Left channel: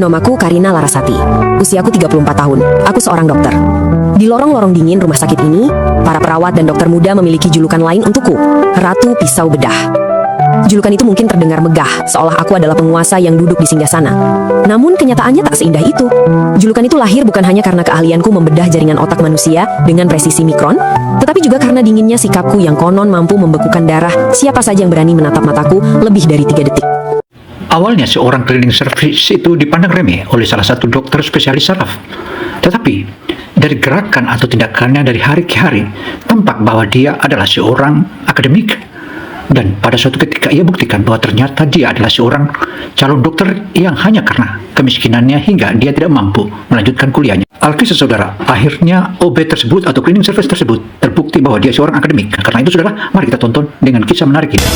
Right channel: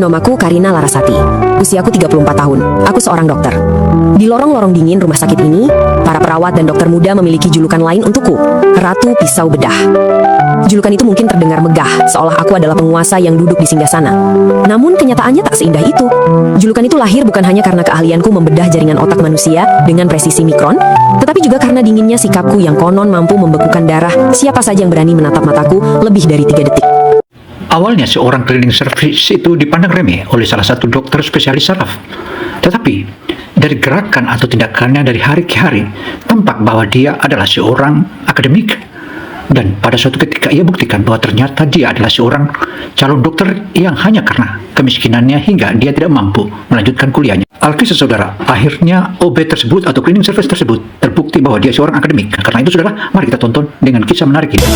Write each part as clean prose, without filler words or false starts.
Namaku Karina Larasati. Usiaku 34 tahun. Aku seorang dokter. Di lorong-lorong dingin rumah sakit ini, para perawat dan dokter muda memiliki julukan lain untukku, Ratu Pisau Bedah. Julukan itu mungkin terdengar megah, seolah aku adalah penguasa yang duduk di singgasana. Namun kenyataannya tak seindah itu. Julukan itu lahir bukan hanya karena keahlianku membedah jaringan otak manusia dengan presisi mikron, tetapi juga karena dinginnya sikapku yang konon mampu membekukan darah siapa saja yang berani menatap mataku lebih dari 3 detik. Awalnya seorang cleaning service itu dipandang remeh oleh salah satu dokter spesialis saraf. Tetapi dari gerakan atau tindakannya dari hari ke hari, tampak bahwa dia adalah seorang akademik. Dan pada suatu ketika ia buktikan bahwa ternyata dia adalah seorang calon dokter yang hanya karena kemiskinannya hingga dia tidak mampu melanjutkan kuliahnya. Alkisah saudara, akhirnya OB tersebut atau cleaning service tersebut terbukti bahwa dia seorang akademik. Karena itu saudara, mari kita tonton dengan kisah menarik ini.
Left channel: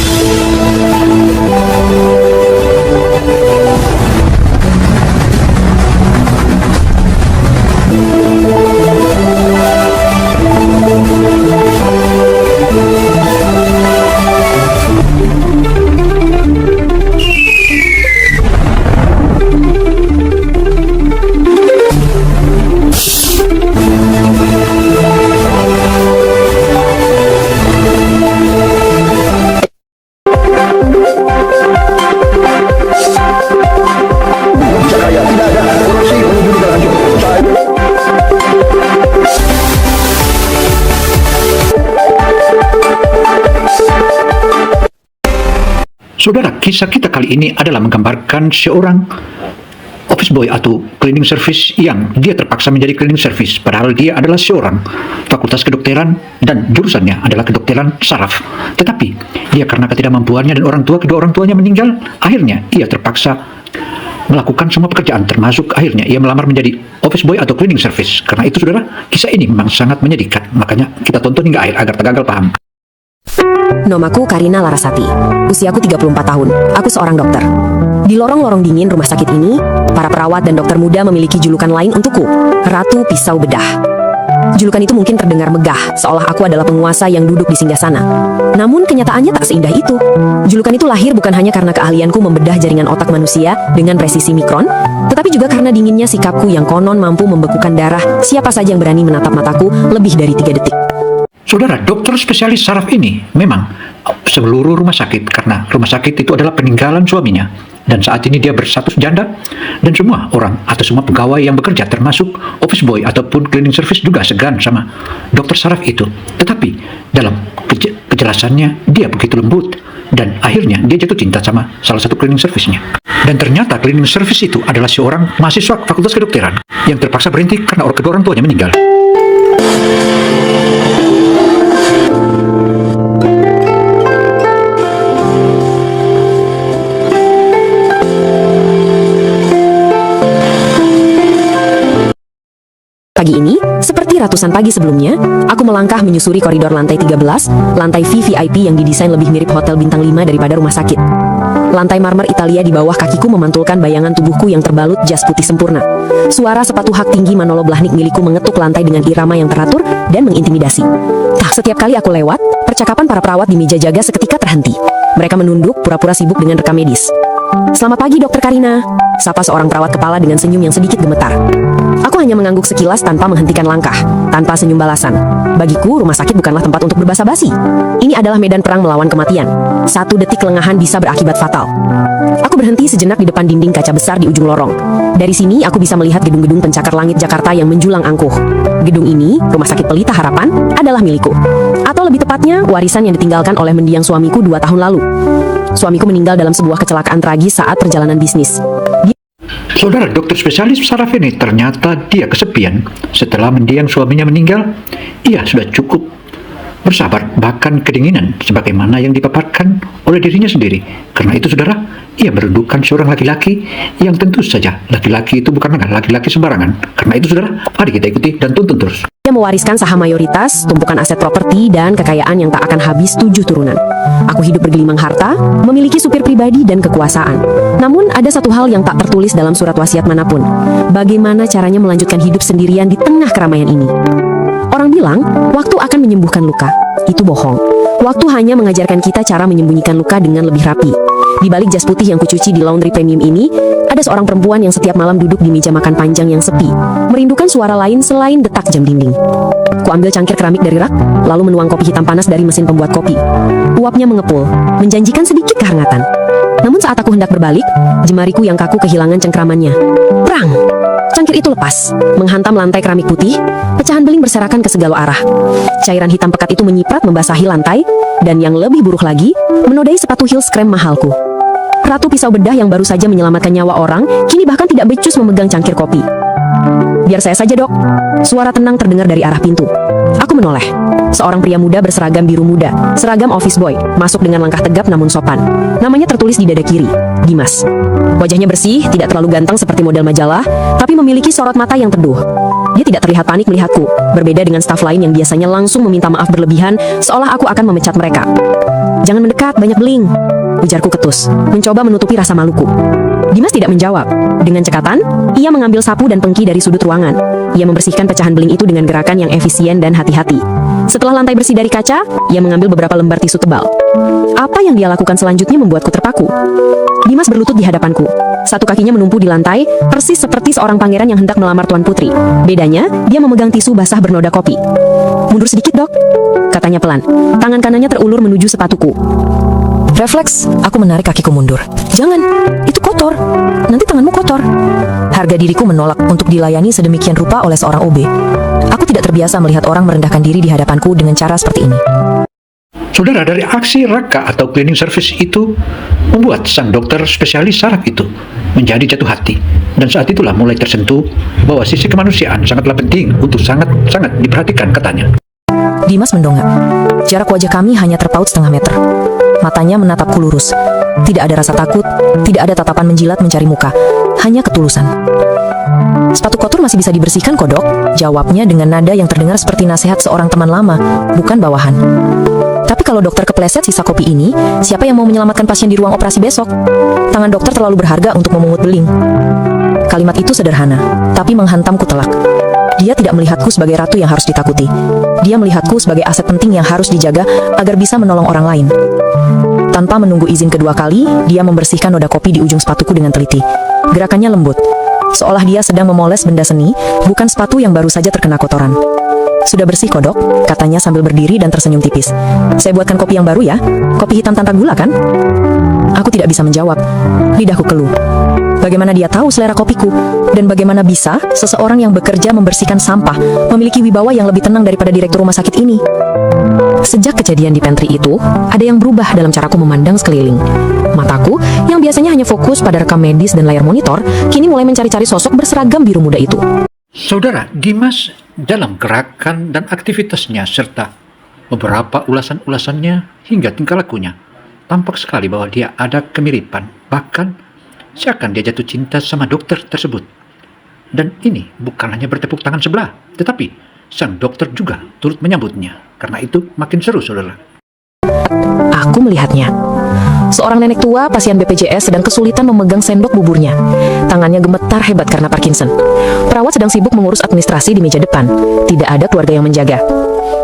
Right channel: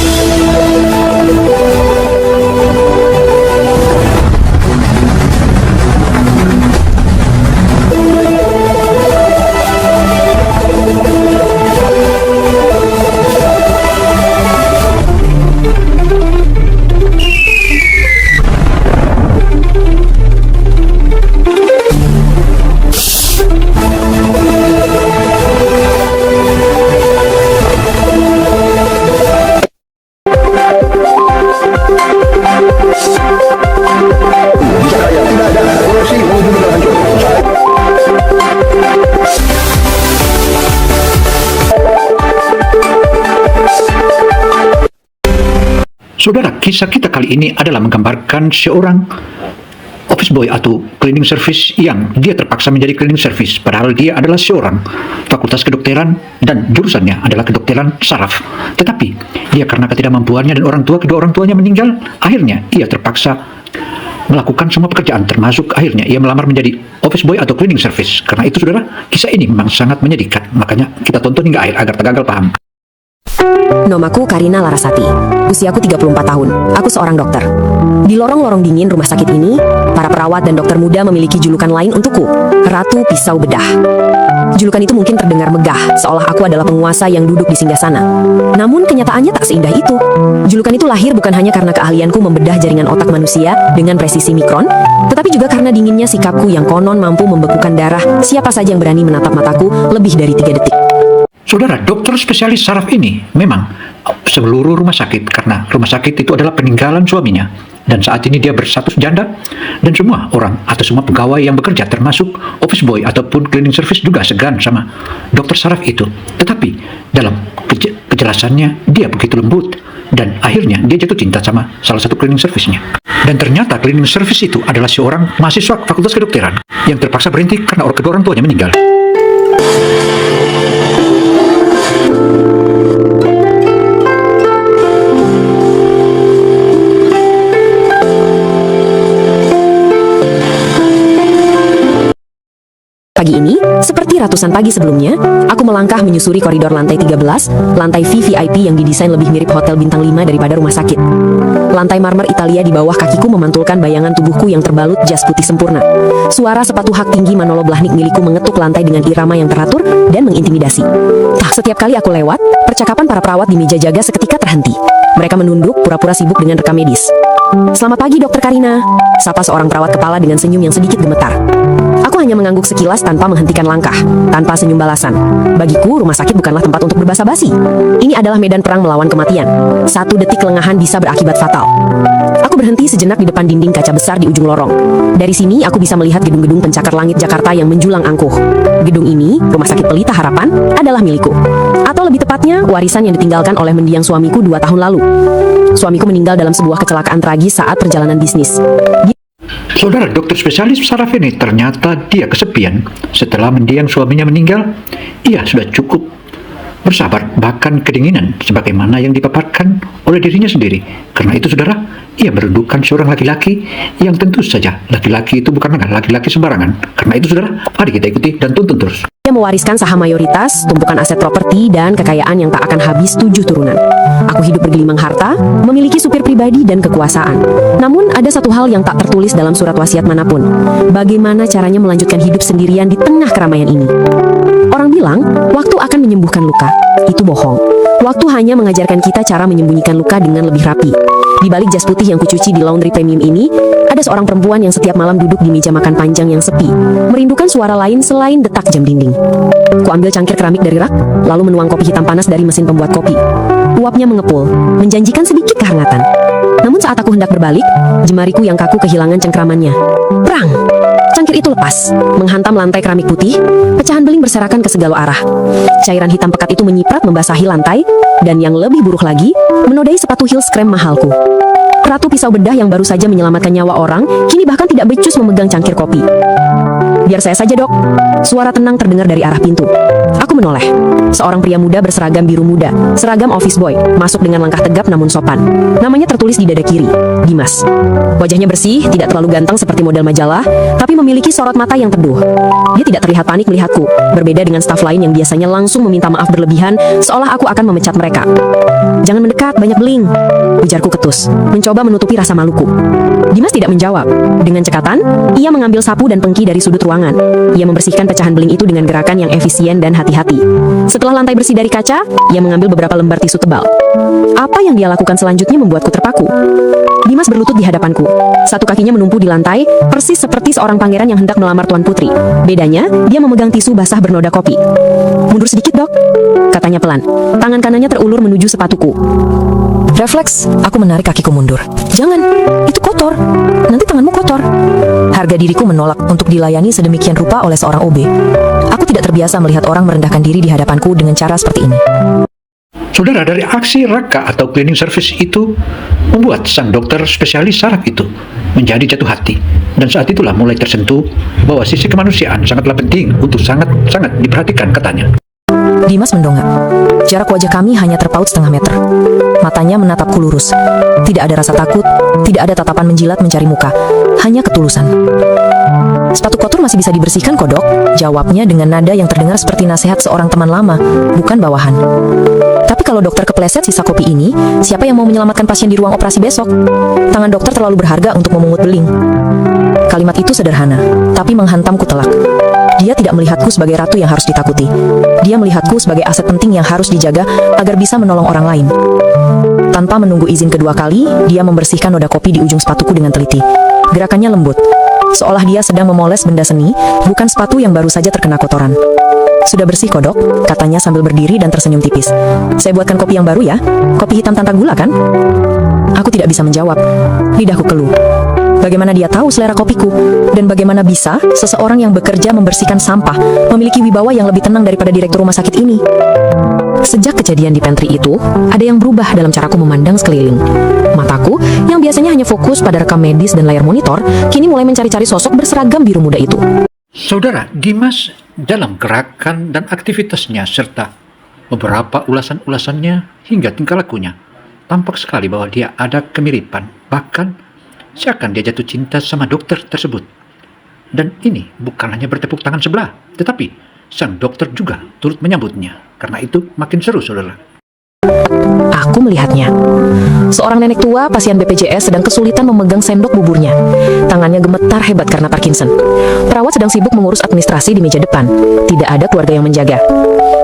Saudara, kisah kita kali ini adalah menggambarkan seorang office boy atau cleaning service yang dia terpaksa menjadi cleaning service padahal dia adalah seorang fakultas kedokteran dan jurusannya adalah kedokteran saraf. Tetapi dia karena ketidakmampuannya dan kedua orang tuanya meninggal, akhirnya ia terpaksa melakukan semua pekerjaan termasuk akhirnya ia melamar menjadi office boy atau cleaning service. Karena itu saudara, kisah ini memang sangat menyedihkan. Makanya kita tonton hingga akhir agar tak gagal paham. Namaku Karina Larasati. Usiaku 34 tahun. Aku seorang dokter. Di lorong-lorong dingin rumah sakit ini, para perawat dan dokter muda memiliki julukan lain untukku, Ratu Pisau Bedah. Julukan itu mungkin terdengar megah, seolah aku adalah penguasa yang duduk di singgasana. Namun kenyataannya tak seindah itu. Julukan itu lahir bukan hanya karena keahlianku membedah jaringan otak manusia dengan presisi mikron, tetapi juga karena dinginnya sikapku yang konon mampu membekukan darah siapa saja yang berani menatap mataku lebih dari 3 detik. Saudara, dokter spesialis saraf ini memang seluruh rumah sakit karena rumah sakit itu adalah peninggalan suaminya dan saat ini dia berstatus janda dan semua orang atau semua pegawai yang bekerja termasuk office boy ataupun cleaning service juga segan sama dokter saraf itu. Tetapi dalam kejelasannya dia begitu lembut dan akhirnya dia jatuh cinta sama salah satu cleaning service-nya. Dan ternyata cleaning service itu adalah seorang mahasiswa fakultas kedokteran yang terpaksa berhenti karena kedua orang tuanya meninggal. Pagi ini, seperti ratusan pagi sebelumnya, aku melangkah menyusuri koridor lantai 13, lantai VVIP yang didesain lebih mirip hotel bintang 5 daripada rumah sakit. Lantai marmer Italia di bawah kakiku memantulkan bayangan tubuhku yang terbalut jas putih sempurna. Suara sepatu hak tinggi Manolo Blahnik milikku mengetuk lantai dengan irama yang teratur dan mengintimidasi. Setiap kali aku lewat, percakapan para perawat di meja jaga seketika terhenti. Mereka menunduk, pura-pura sibuk dengan rekam medis. "Selamat pagi, Dokter Karina," sapa seorang perawat kepala dengan senyum yang sedikit gemetar. Aku hanya mengangguk sekilas tanpa menghentikan langkah, tanpa senyum balasan. Bagiku, rumah sakit bukanlah tempat untuk berbasa-basi. Ini adalah medan perang melawan kematian. 1 detik kelengahan bisa berakibat fatal. Aku berhenti sejenak di depan dinding kaca besar di ujung lorong. Dari sini, aku bisa melihat gedung-gedung pencakar langit Jakarta yang menjulang angkuh. Gedung ini, Rumah Sakit Pelita Harapan, adalah milikku. Atau lebih tepatnya, warisan yang ditinggalkan oleh mendiang suamiku 2 tahun lalu. Suamiku meninggal dalam sebuah kecelakaan tragis saat perjalanan bisnis. Saudara, dokter spesialis saraf ini ternyata dia kesepian setelah mendiang suaminya meninggal. Ia sudah cukup bersabar, bahkan kedinginan sebagaimana yang dipaparkan oleh dirinya sendiri. Karena itu saudara, ia merindukan seorang laki-laki yang tentu saja laki-laki itu bukanlah laki-laki sembarangan. Karena itu saudara, mari kita ikuti dan tonton terus. Dia mewariskan saham mayoritas, tumpukan aset properti, dan kekayaan yang tak akan habis 7 turunan. Aku hidup bergelimang harta, memiliki supir pribadi dan kekuasaan. Namun ada satu hal yang tak tertulis dalam surat wasiat manapun. Bagaimana caranya melanjutkan hidup sendirian di tengah keramaian ini? Orang bilang, waktu akan menyembuhkan luka. Itu bohong. Waktu hanya mengajarkan kita cara menyembunyikan luka dengan lebih rapi. Di balik jas putih yang kucuci di laundry premium ini, ada seorang perempuan yang setiap malam duduk di meja makan panjang yang sepi, merindukan suara lain selain detak jam dinding. Kuambil cangkir keramik dari rak, lalu menuang kopi hitam panas dari mesin pembuat kopi. Uapnya mengepul, menjanjikan sedikit kehangatan. Namun saat aku hendak berbalik, jemariku yang kaku kehilangan cengkramannya. Prang! Cangkir itu lepas, menghantam lantai keramik putih, pecahan beling berserakan ke segala arah. Cairan hitam pekat itu menyiprat membasahi lantai, dan yang lebih buruk lagi, menodai sepatu heels krem mahalku. Ratu pisau bedah yang baru saja menyelamatkan nyawa orang, kini bahkan tidak becus memegang cangkir kopi. Biar saya saja, Dok. Suara tenang terdengar dari arah pintu. Aku menoleh. Seorang pria muda berseragam biru muda, seragam office boy, masuk dengan langkah tegap namun sopan. Namanya tertulis di dada kiri, Dimas. Wajahnya bersih, tidak terlalu ganteng seperti model majalah, tapi memiliki sorot mata yang teduh. Dia tidak terlihat panik melihatku, berbeda dengan staf lain yang biasanya langsung meminta maaf berlebihan, seolah aku akan memecat mereka. Jangan mendekat, banyak beling, ujarku ketus, mencoba menutupi rasa maluku. Dimas tidak menjawab. Dengan cekatan, ia mengambil sapu dan pengki dari sudut ruangan. Ia membersihkan pecahan beling itu dengan gerakan yang efisien dan hati-hati. Setelah lantai bersih dari kaca, ia mengambil beberapa lembar tisu tebal. Apa yang dia lakukan selanjutnya membuatku terpaku. Dimas berlutut di hadapanku. Satu kakinya menumpu di lantai, persis seperti seorang pangeran yang hendak melamar Tuan Putri. Bedanya, dia memegang tisu basah bernoda kopi. Mundur sedikit, Dok, katanya pelan. Tangan kanannya terulur menuju sepatuku. Refleks, aku menarik kakiku mundur. Jangan, itu kotor. Nanti tanganmu kotor. Harga diriku menolak untuk dilayani sedemikian rupa oleh seorang OB. Aku tidak terbiasa melihat orang merendahkan diri di hadapanku dengan cara seperti ini. Saudara, dari aksi Raka atau cleaning service itu membuat sang dokter spesialis saraf itu menjadi jatuh hati. Dan saat itulah mulai tersentuh bahwa sisi kemanusiaan sangatlah penting untuk sangat-sangat diperhatikan, katanya. Dimas mendongak. Jarak wajah kami hanya terpaut setengah meter. Matanya menatapku lurus. Tidak ada rasa takut, tidak ada tatapan menjilat mencari muka. Hanya ketulusan. Sepatu kotor masih bisa dibersihkan, kok, Dok, jawabnya dengan nada yang terdengar seperti nasihat seorang teman lama, bukan bawahan. Tapi kalau dokter kepleset sisa kopi ini, siapa yang mau menyelamatkan pasien di ruang operasi besok? Tangan dokter terlalu berharga untuk memungut beling. Kalimat itu sederhana, tapi menghantamku telak. Dia tidak melihatku sebagai ratu yang harus ditakuti. Dia melihatku sebagai aset penting yang harus dijaga agar bisa menolong orang lain. Tanpa menunggu izin kedua kali, dia membersihkan noda kopi di ujung sepatuku dengan teliti. Gerakannya lembut, seolah dia sedang memoles benda seni, bukan sepatu yang baru saja terkena kotoran. Sudah bersih, kok, Dok, katanya sambil berdiri dan tersenyum tipis. Saya buatkan kopi yang baru ya, kopi hitam tanpa gula kan? Aku tidak bisa menjawab, lidahku keluh. Bagaimana dia tahu selera kopiku? Dan bagaimana bisa seseorang yang bekerja membersihkan sampah memiliki wibawa yang lebih tenang daripada direktur rumah sakit ini? Sejak kejadian di pantry itu, ada yang berubah dalam caraku memandang sekeliling. Mataku, yang biasanya hanya fokus pada rekam medis dan layar monitor, kini mulai mencari-cari sosok berseragam biru muda itu. Saudara, Dimas dalam gerakan dan aktivitasnya serta beberapa ulasan-ulasannya hingga tingkah lakunya, tampak sekali bahwa dia ada kemiripan, bahkan seakan dia jatuh cinta sama dokter tersebut. Dan ini bukan hanya bertepuk tangan sebelah, tetapi sang dokter juga turut menyambutnya. Karena itu makin seru, saudara. Aku melihatnya. Seorang nenek tua pasien BPJS sedang kesulitan memegang sendok buburnya. Tangannya gemetar hebat karena Parkinson. Perawat sedang sibuk mengurus administrasi di meja depan. Tidak ada keluarga yang menjaga.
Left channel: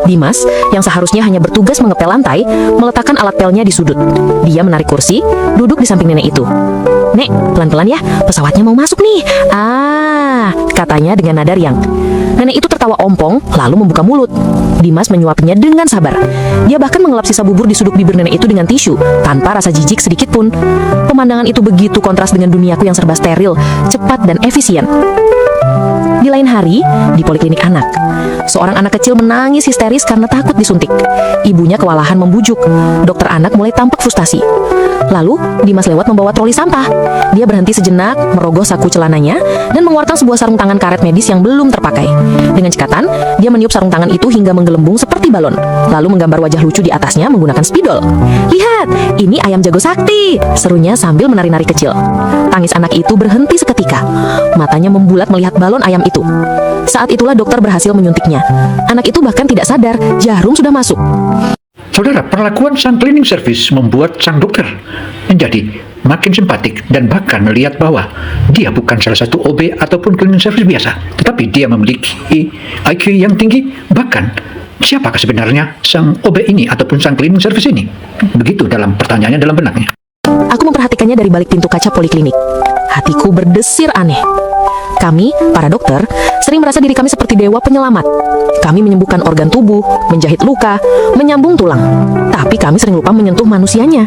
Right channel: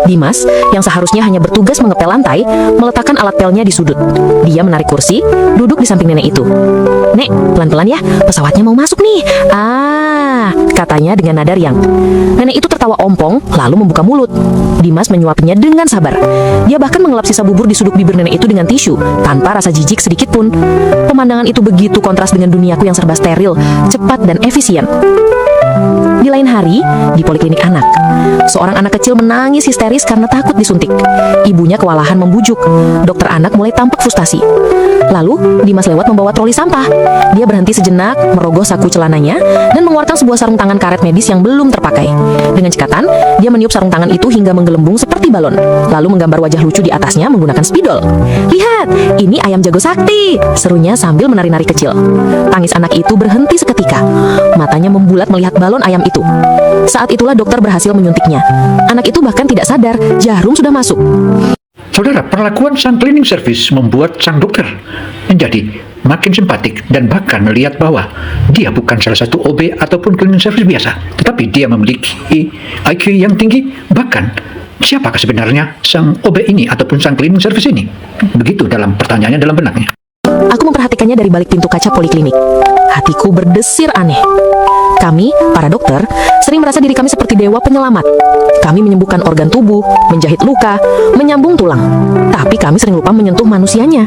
Dimas, yang seharusnya hanya bertugas mengepel lantai, meletakkan alat pelnya di sudut. Dia menarik kursi, duduk di samping nenek itu. "Nek, pelan-pelan ya, pesawatnya mau masuk nih." Katanya dengan nada riang. Nenek itu tertawa umpong, lalu membuka mulut. Dimas menyuapinya dengan sabar. Dia bahkan mengelap sisa bubur di sudut bibir nenek itu dengan tisu, tanpa rasa jijik sedikit pun. Pemandangan itu begitu kontras dengan duniaku yang serba steril, cepat dan efisien. Di lain hari, di poliklinik anak, seorang anak kecil menangis histeris karena takut disuntik. Ibunya kewalahan membujuk. Dokter anak mulai tampak frustasi. Lalu, Dimas lewat membawa troli sampah. Dia berhenti sejenak, merogoh saku celananya, dan mengeluarkan sebuah sarung tangan karet medis yang belum terpakai. Dengan cekatan, dia meniup sarung tangan itu hingga menggelembung seperti balon, lalu menggambar wajah lucu di atasnya menggunakan spidol. "Lihat, ini ayam jago sakti," serunya sambil menari-nari kecil. Tangis anak itu berhenti seketika. Matanya membulat melihat balon ayam itu. Saat itulah dokter berhasil menyuntiknya. Anak itu bahkan tidak sadar, jarum sudah masuk. Saudara, perlakuan sang cleaning service membuat sang dokter menjadi makin simpatik dan bahkan melihat bahwa dia bukan salah satu OB ataupun cleaning service biasa, tetapi dia memiliki IQ yang tinggi. Bahkan siapakah sebenarnya sang OB ini ataupun sang cleaning service ini? Begitu dalam pertanyaannya dalam benaknya. Aku memperhatikannya dari balik pintu kaca poliklinik. Hatiku berdesir aneh. Kami, para dokter, sering merasa diri kami seperti dewa penyelamat. Kami menyembuhkan organ tubuh, menjahit luka, menyambung tulang. Tapi kami sering lupa menyentuh manusianya.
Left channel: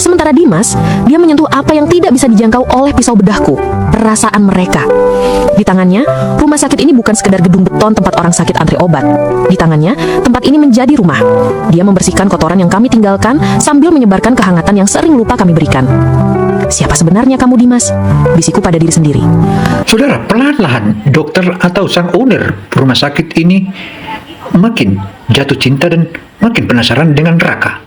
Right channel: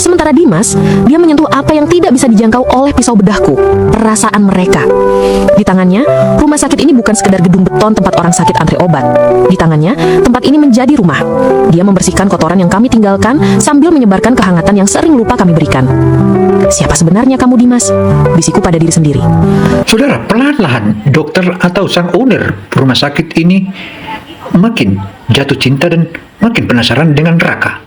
Sementara Dimas, dia menyentuh apa yang tidak bisa dijangkau oleh pisau bedahku, perasaan mereka. Di tangannya, rumah sakit ini bukan sekedar gedung beton tempat orang sakit antri obat. Di tangannya, tempat ini menjadi rumah. Dia membersihkan kotoran yang kami tinggalkan sambil menyebarkan kehangatan yang sering lupa kami berikan. Siapa sebenarnya kamu, Dimas? Bisikku pada diri sendiri. Saudara, perlahan-lahan dokter atau sang owner rumah sakit ini makin jatuh cinta dan makin penasaran dengan Raka.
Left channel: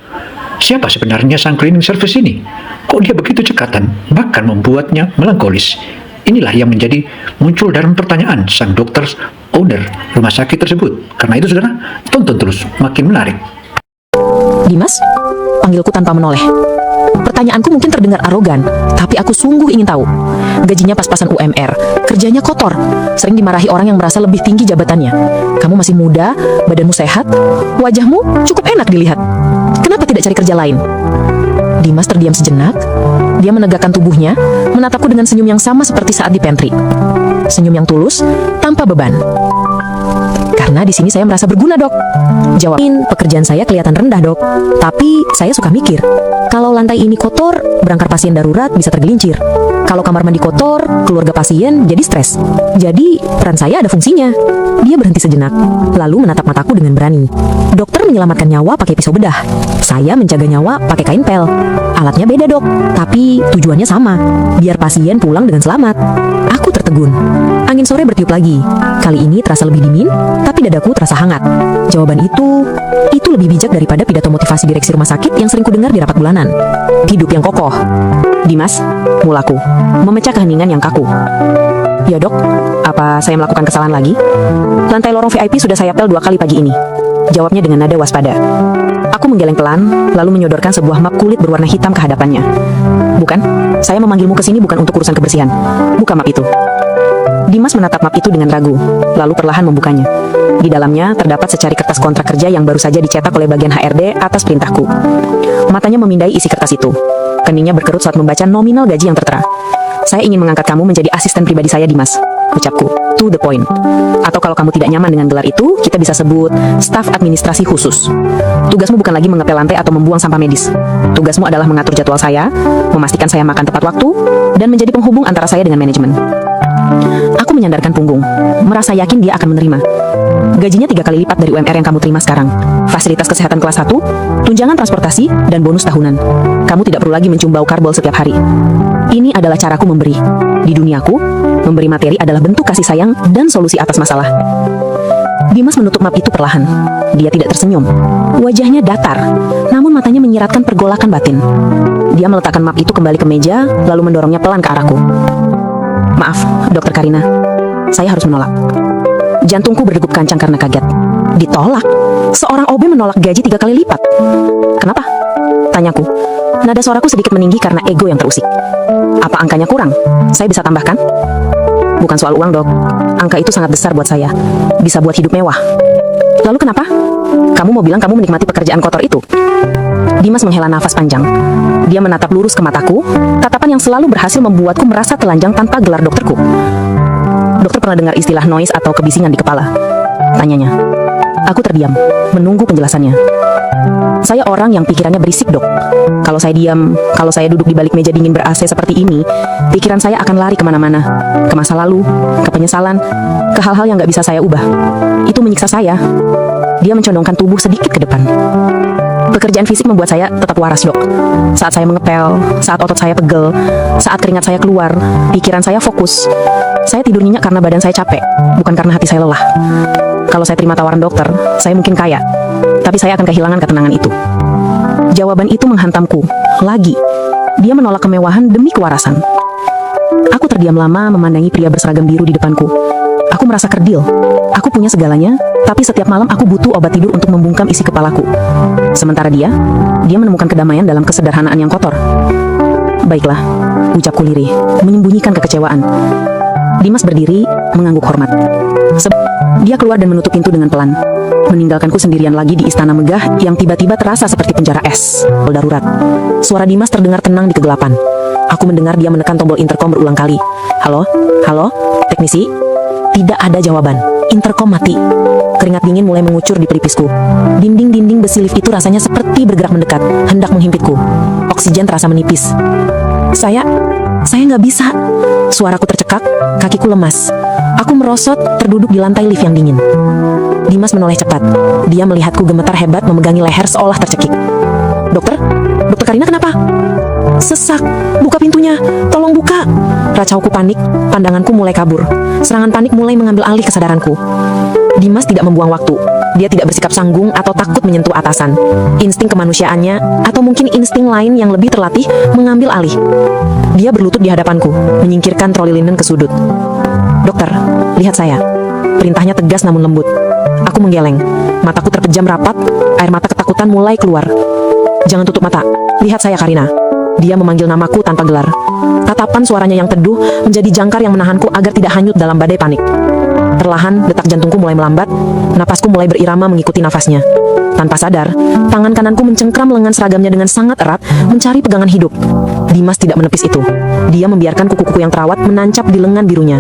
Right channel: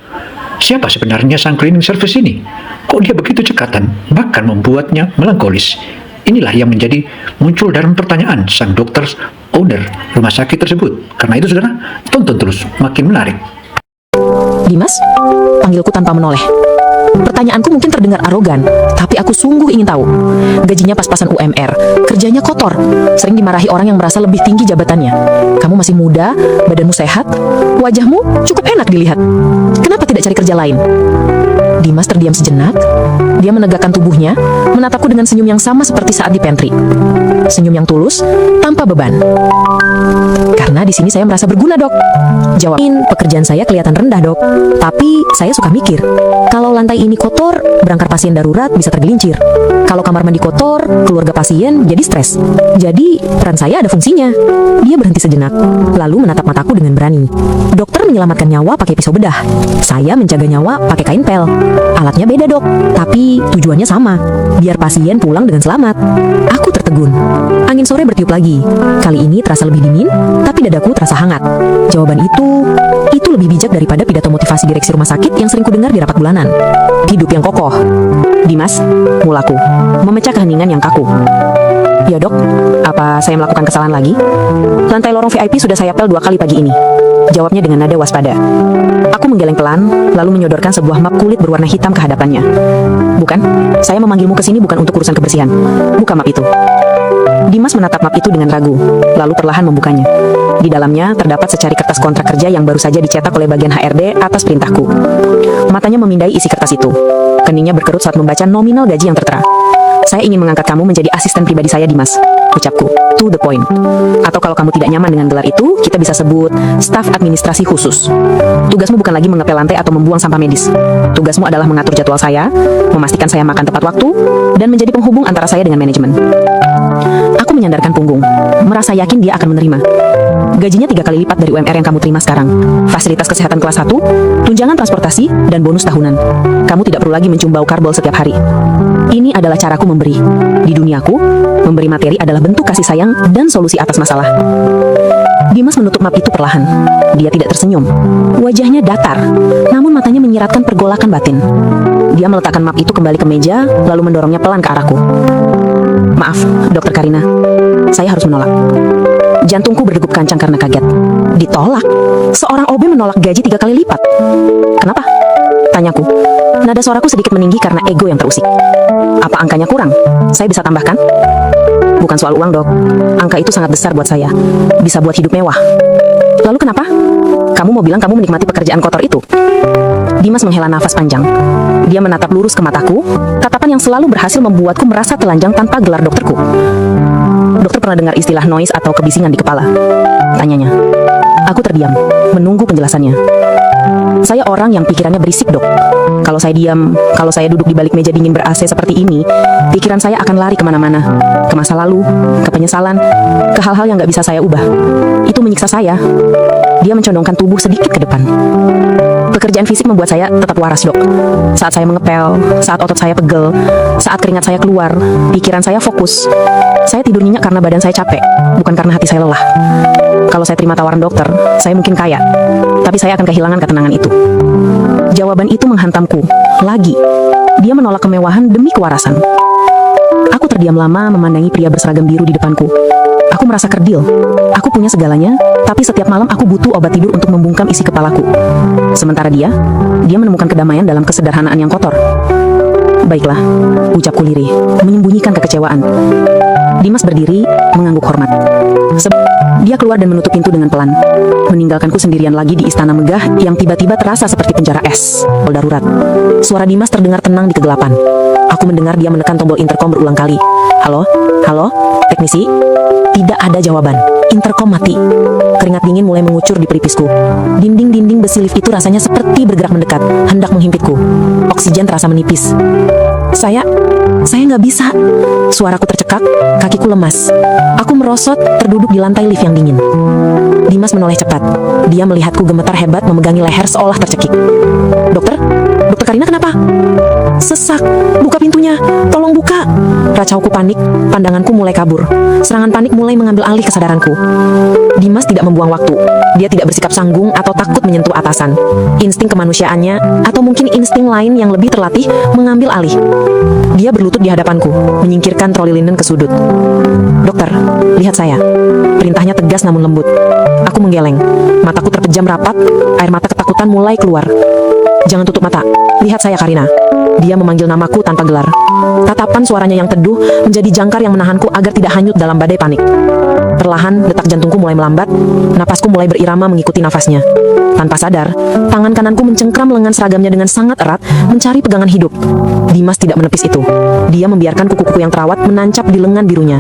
Siapa sebenarnya sang cleaning service ini? Kok dia begitu cekatan, bahkan membuatnya melankolis? Inilah yang menjadi muncul dalam pertanyaan sang dokter owner rumah sakit tersebut. Karena itu saudara, tonton terus, makin menarik. Dimas, panggilku tanpa menoleh. Pertanyaanku mungkin terdengar arogan, tapi aku sungguh ingin tahu. Gajinya pas-pasan UMR, kerjanya kotor, sering dimarahi orang yang merasa lebih tinggi jabatannya. Kamu masih muda, badanmu sehat, wajahmu cukup enak dilihat. Kenapa tidak cari kerja lain? Dimas terdiam sejenak. Dia menegakkan tubuhnya, menatapku dengan senyum yang sama seperti saat di pantry. Senyum yang tulus, tanpa beban. Karena di sini saya merasa berguna, Dok. Jawab. Pekerjaan saya kelihatan rendah, Dok. Tapi saya suka mikir, kalau lantai ini kotor, berangkat pasien darurat bisa tergelincir. Kalau kamar mandi kotor, keluarga pasien jadi stres. Jadi peran saya ada fungsinya. Dia berhenti sejenak, lalu menatap mataku dengan berani. Dokter menyelamatkan nyawa pakai pisau bedah. Saya menjaga nyawa pakai kain pel. Alatnya beda, Dok, tapi tujuannya sama. Biar pasien pulang dengan selamat. Aku tertegun. Angin sore bertiup lagi. Kali ini terasa lebih dingin, tapi dadaku terasa hangat. Jawaban itu lebih bijak daripada pidato motivasi direksi rumah sakit yang sering kudengar di rapat bulanan. Hidup yang kokoh. Dimas, mulaku, memecah keheningan yang kaku. Ya, Dok, apa saya melakukan kesalahan lagi? Lantai lorong VIP sudah saya pel 2 kali pagi ini. Jawabnya dengan nada waspada. Aku menggeleng pelan, lalu menyodorkan sebuah map kulit berwarna hitam ke hadapannya. Bukan, saya memanggilmu ke sini bukan untuk urusan kebersihan. Buka map itu. Dimas menatap map itu dengan ragu, lalu perlahan membukanya. Di dalamnya terdapat secari kertas kontrak kerja yang baru saja dicetak oleh bagian HRD atas perintahku. Matanya memindai isi kertas itu. Keningnya berkerut saat membaca nominal gaji yang tertera. Saya ingin mengangkat kamu menjadi asisten pribadi saya, Dimas. Ucapku, to the point. Atau kalau kamu tidak nyaman dengan gelar itu, kita bisa sebut staf administrasi khusus. Tugasmu bukan lagi mengepel lantai atau membuang sampah medis. Tugasmu adalah mengatur jadwal saya, memastikan saya makan tepat waktu, dan menjadi penghubung antara saya dengan manajemen. Aku menyandarkan punggung, merasa yakin dia akan menerima. Gajinya 3 kali lipat dari UMR yang kamu terima sekarang. Fasilitas kesehatan kelas 1, tunjangan transportasi, dan bonus tahunan. Kamu tidak perlu lagi mencium bau karbol setiap hari. Ini adalah caraku memberi. Di duniaku, memberi materi adalah bentuk kasih sayang dan solusi atas masalah. Dimas menutup map itu perlahan. Dia tidak tersenyum. Wajahnya datar, namun matanya menyiratkan pergolakan batin. Dia meletakkan map itu kembali ke meja, lalu mendorongnya pelan ke arahku. Maaf, Dokter Karina. Saya harus menolak. Jantungku berdegup kencang karena kaget. Ditolak? Seorang OB menolak gaji 3 kali lipat. Kenapa? Tanyaku. Nada suaraku sedikit meninggi karena ego yang terusik. Apa angkanya kurang? Saya bisa tambahkan? Bukan soal uang, Dok. Angka itu sangat besar buat saya. Bisa buat hidup mewah. Lalu kenapa? Kamu mau bilang kamu menikmati pekerjaan kotor itu? Dimas menghela nafas panjang. Dia menatap lurus ke mataku, tatapan yang selalu berhasil membuatku merasa telanjang tanpa gelar dokterku. Dokter pernah dengar istilah noise atau kebisingan di kepala? Tanyanya. Aku terdiam, menunggu penjelasannya. Saya orang yang pikirannya berisik, Dok. Kalau saya diam, kalau saya duduk di balik meja dingin ber-AC seperti ini, pikiran saya akan lari kemana-mana. Ke masa lalu, ke penyesalan, ke hal-hal yang gak bisa saya ubah. Itu menyiksa saya. Dia mencondongkan tubuh sedikit ke depan. Pekerjaan fisik membuat saya tetap waras, Dok. Saat saya mengepel, saat otot saya pegel, saat keringat saya keluar, pikiran saya fokus. Saya tidur nyenyak karena badan saya capek, bukan karena hati saya lelah. Kalau saya terima tawaran dokter, saya mungkin kaya, tapi saya akan kehilangan ketenangan itu. Jawaban itu menghantamku. Lagi, dia menolak kemewahan demi kewarasan. Aku terdiam lama memandangi pria berseragam biru di depanku. Aku merasa kerdil. Aku punya segalanya, tapi setiap malam aku butuh obat tidur untuk membungkam isi kepalaku. Sementara dia menemukan kedamaian dalam kesederhanaan yang kotor. Baiklah, ucapku lirih, menyembunyikan kekecewaan. Dimas berdiri, mengangguk hormat. Dia keluar dan menutup pintu dengan pelan, meninggalkanku sendirian lagi di istana megah yang tiba-tiba terasa seperti penjara es. Darurat. Suara Dimas terdengar tenang di kegelapan. Aku mendengar dia menekan tombol interkom berulang kali. Halo? Halo? Teknisi? Tidak ada jawaban. Interkom mati. Keringat dingin mulai mengucur di pelipisku. Dinding-dinding besi lift itu rasanya seperti bergerak mendekat, hendak menghimpitku. Oksigen terasa menipis. Saya nggak bisa. Suaraku tercekat, kakiku lemas. Aku merosot, terduduk di lantai lift yang dingin. Dimas menoleh cepat. Dia melihatku gemetar hebat memegangi leher seolah tercekik. Dokter? Dokter Karina kenapa? Sesak, buka pintunya, tolong buka. Racauku panik, pandanganku mulai kabur. Serangan panik mulai mengambil alih kesadaranku. Dimas tidak membuang waktu. Dia tidak bersikap sanggung atau takut menyentuh atasan. Insting kemanusiaannya, atau mungkin insting lain yang lebih terlatih, mengambil alih. Dia berlutut di hadapanku, menyingkirkan troli linen ke sudut. Dokter, lihat saya. Perintahnya tegas namun lembut. Aku menggeleng, mataku terpejam rapat, air mata ketakutan mulai keluar. Jangan tutup mata, lihat saya Karina. Dia memanggil namaku tanpa gelar. Tatapan suaranya yang teduh menjadi jangkar yang menahanku agar tidak hanyut dalam badai panik. Perlahan, detak jantungku mulai melambat, napasku mulai berirama mengikuti nafasnya. Tanpa sadar, tangan kananku mencengkram lengan seragamnya dengan sangat erat, mencari pegangan hidup. Dimas tidak menepis itu. Dia membiarkan kuku-kuku yang terawat menancap di lengan birunya.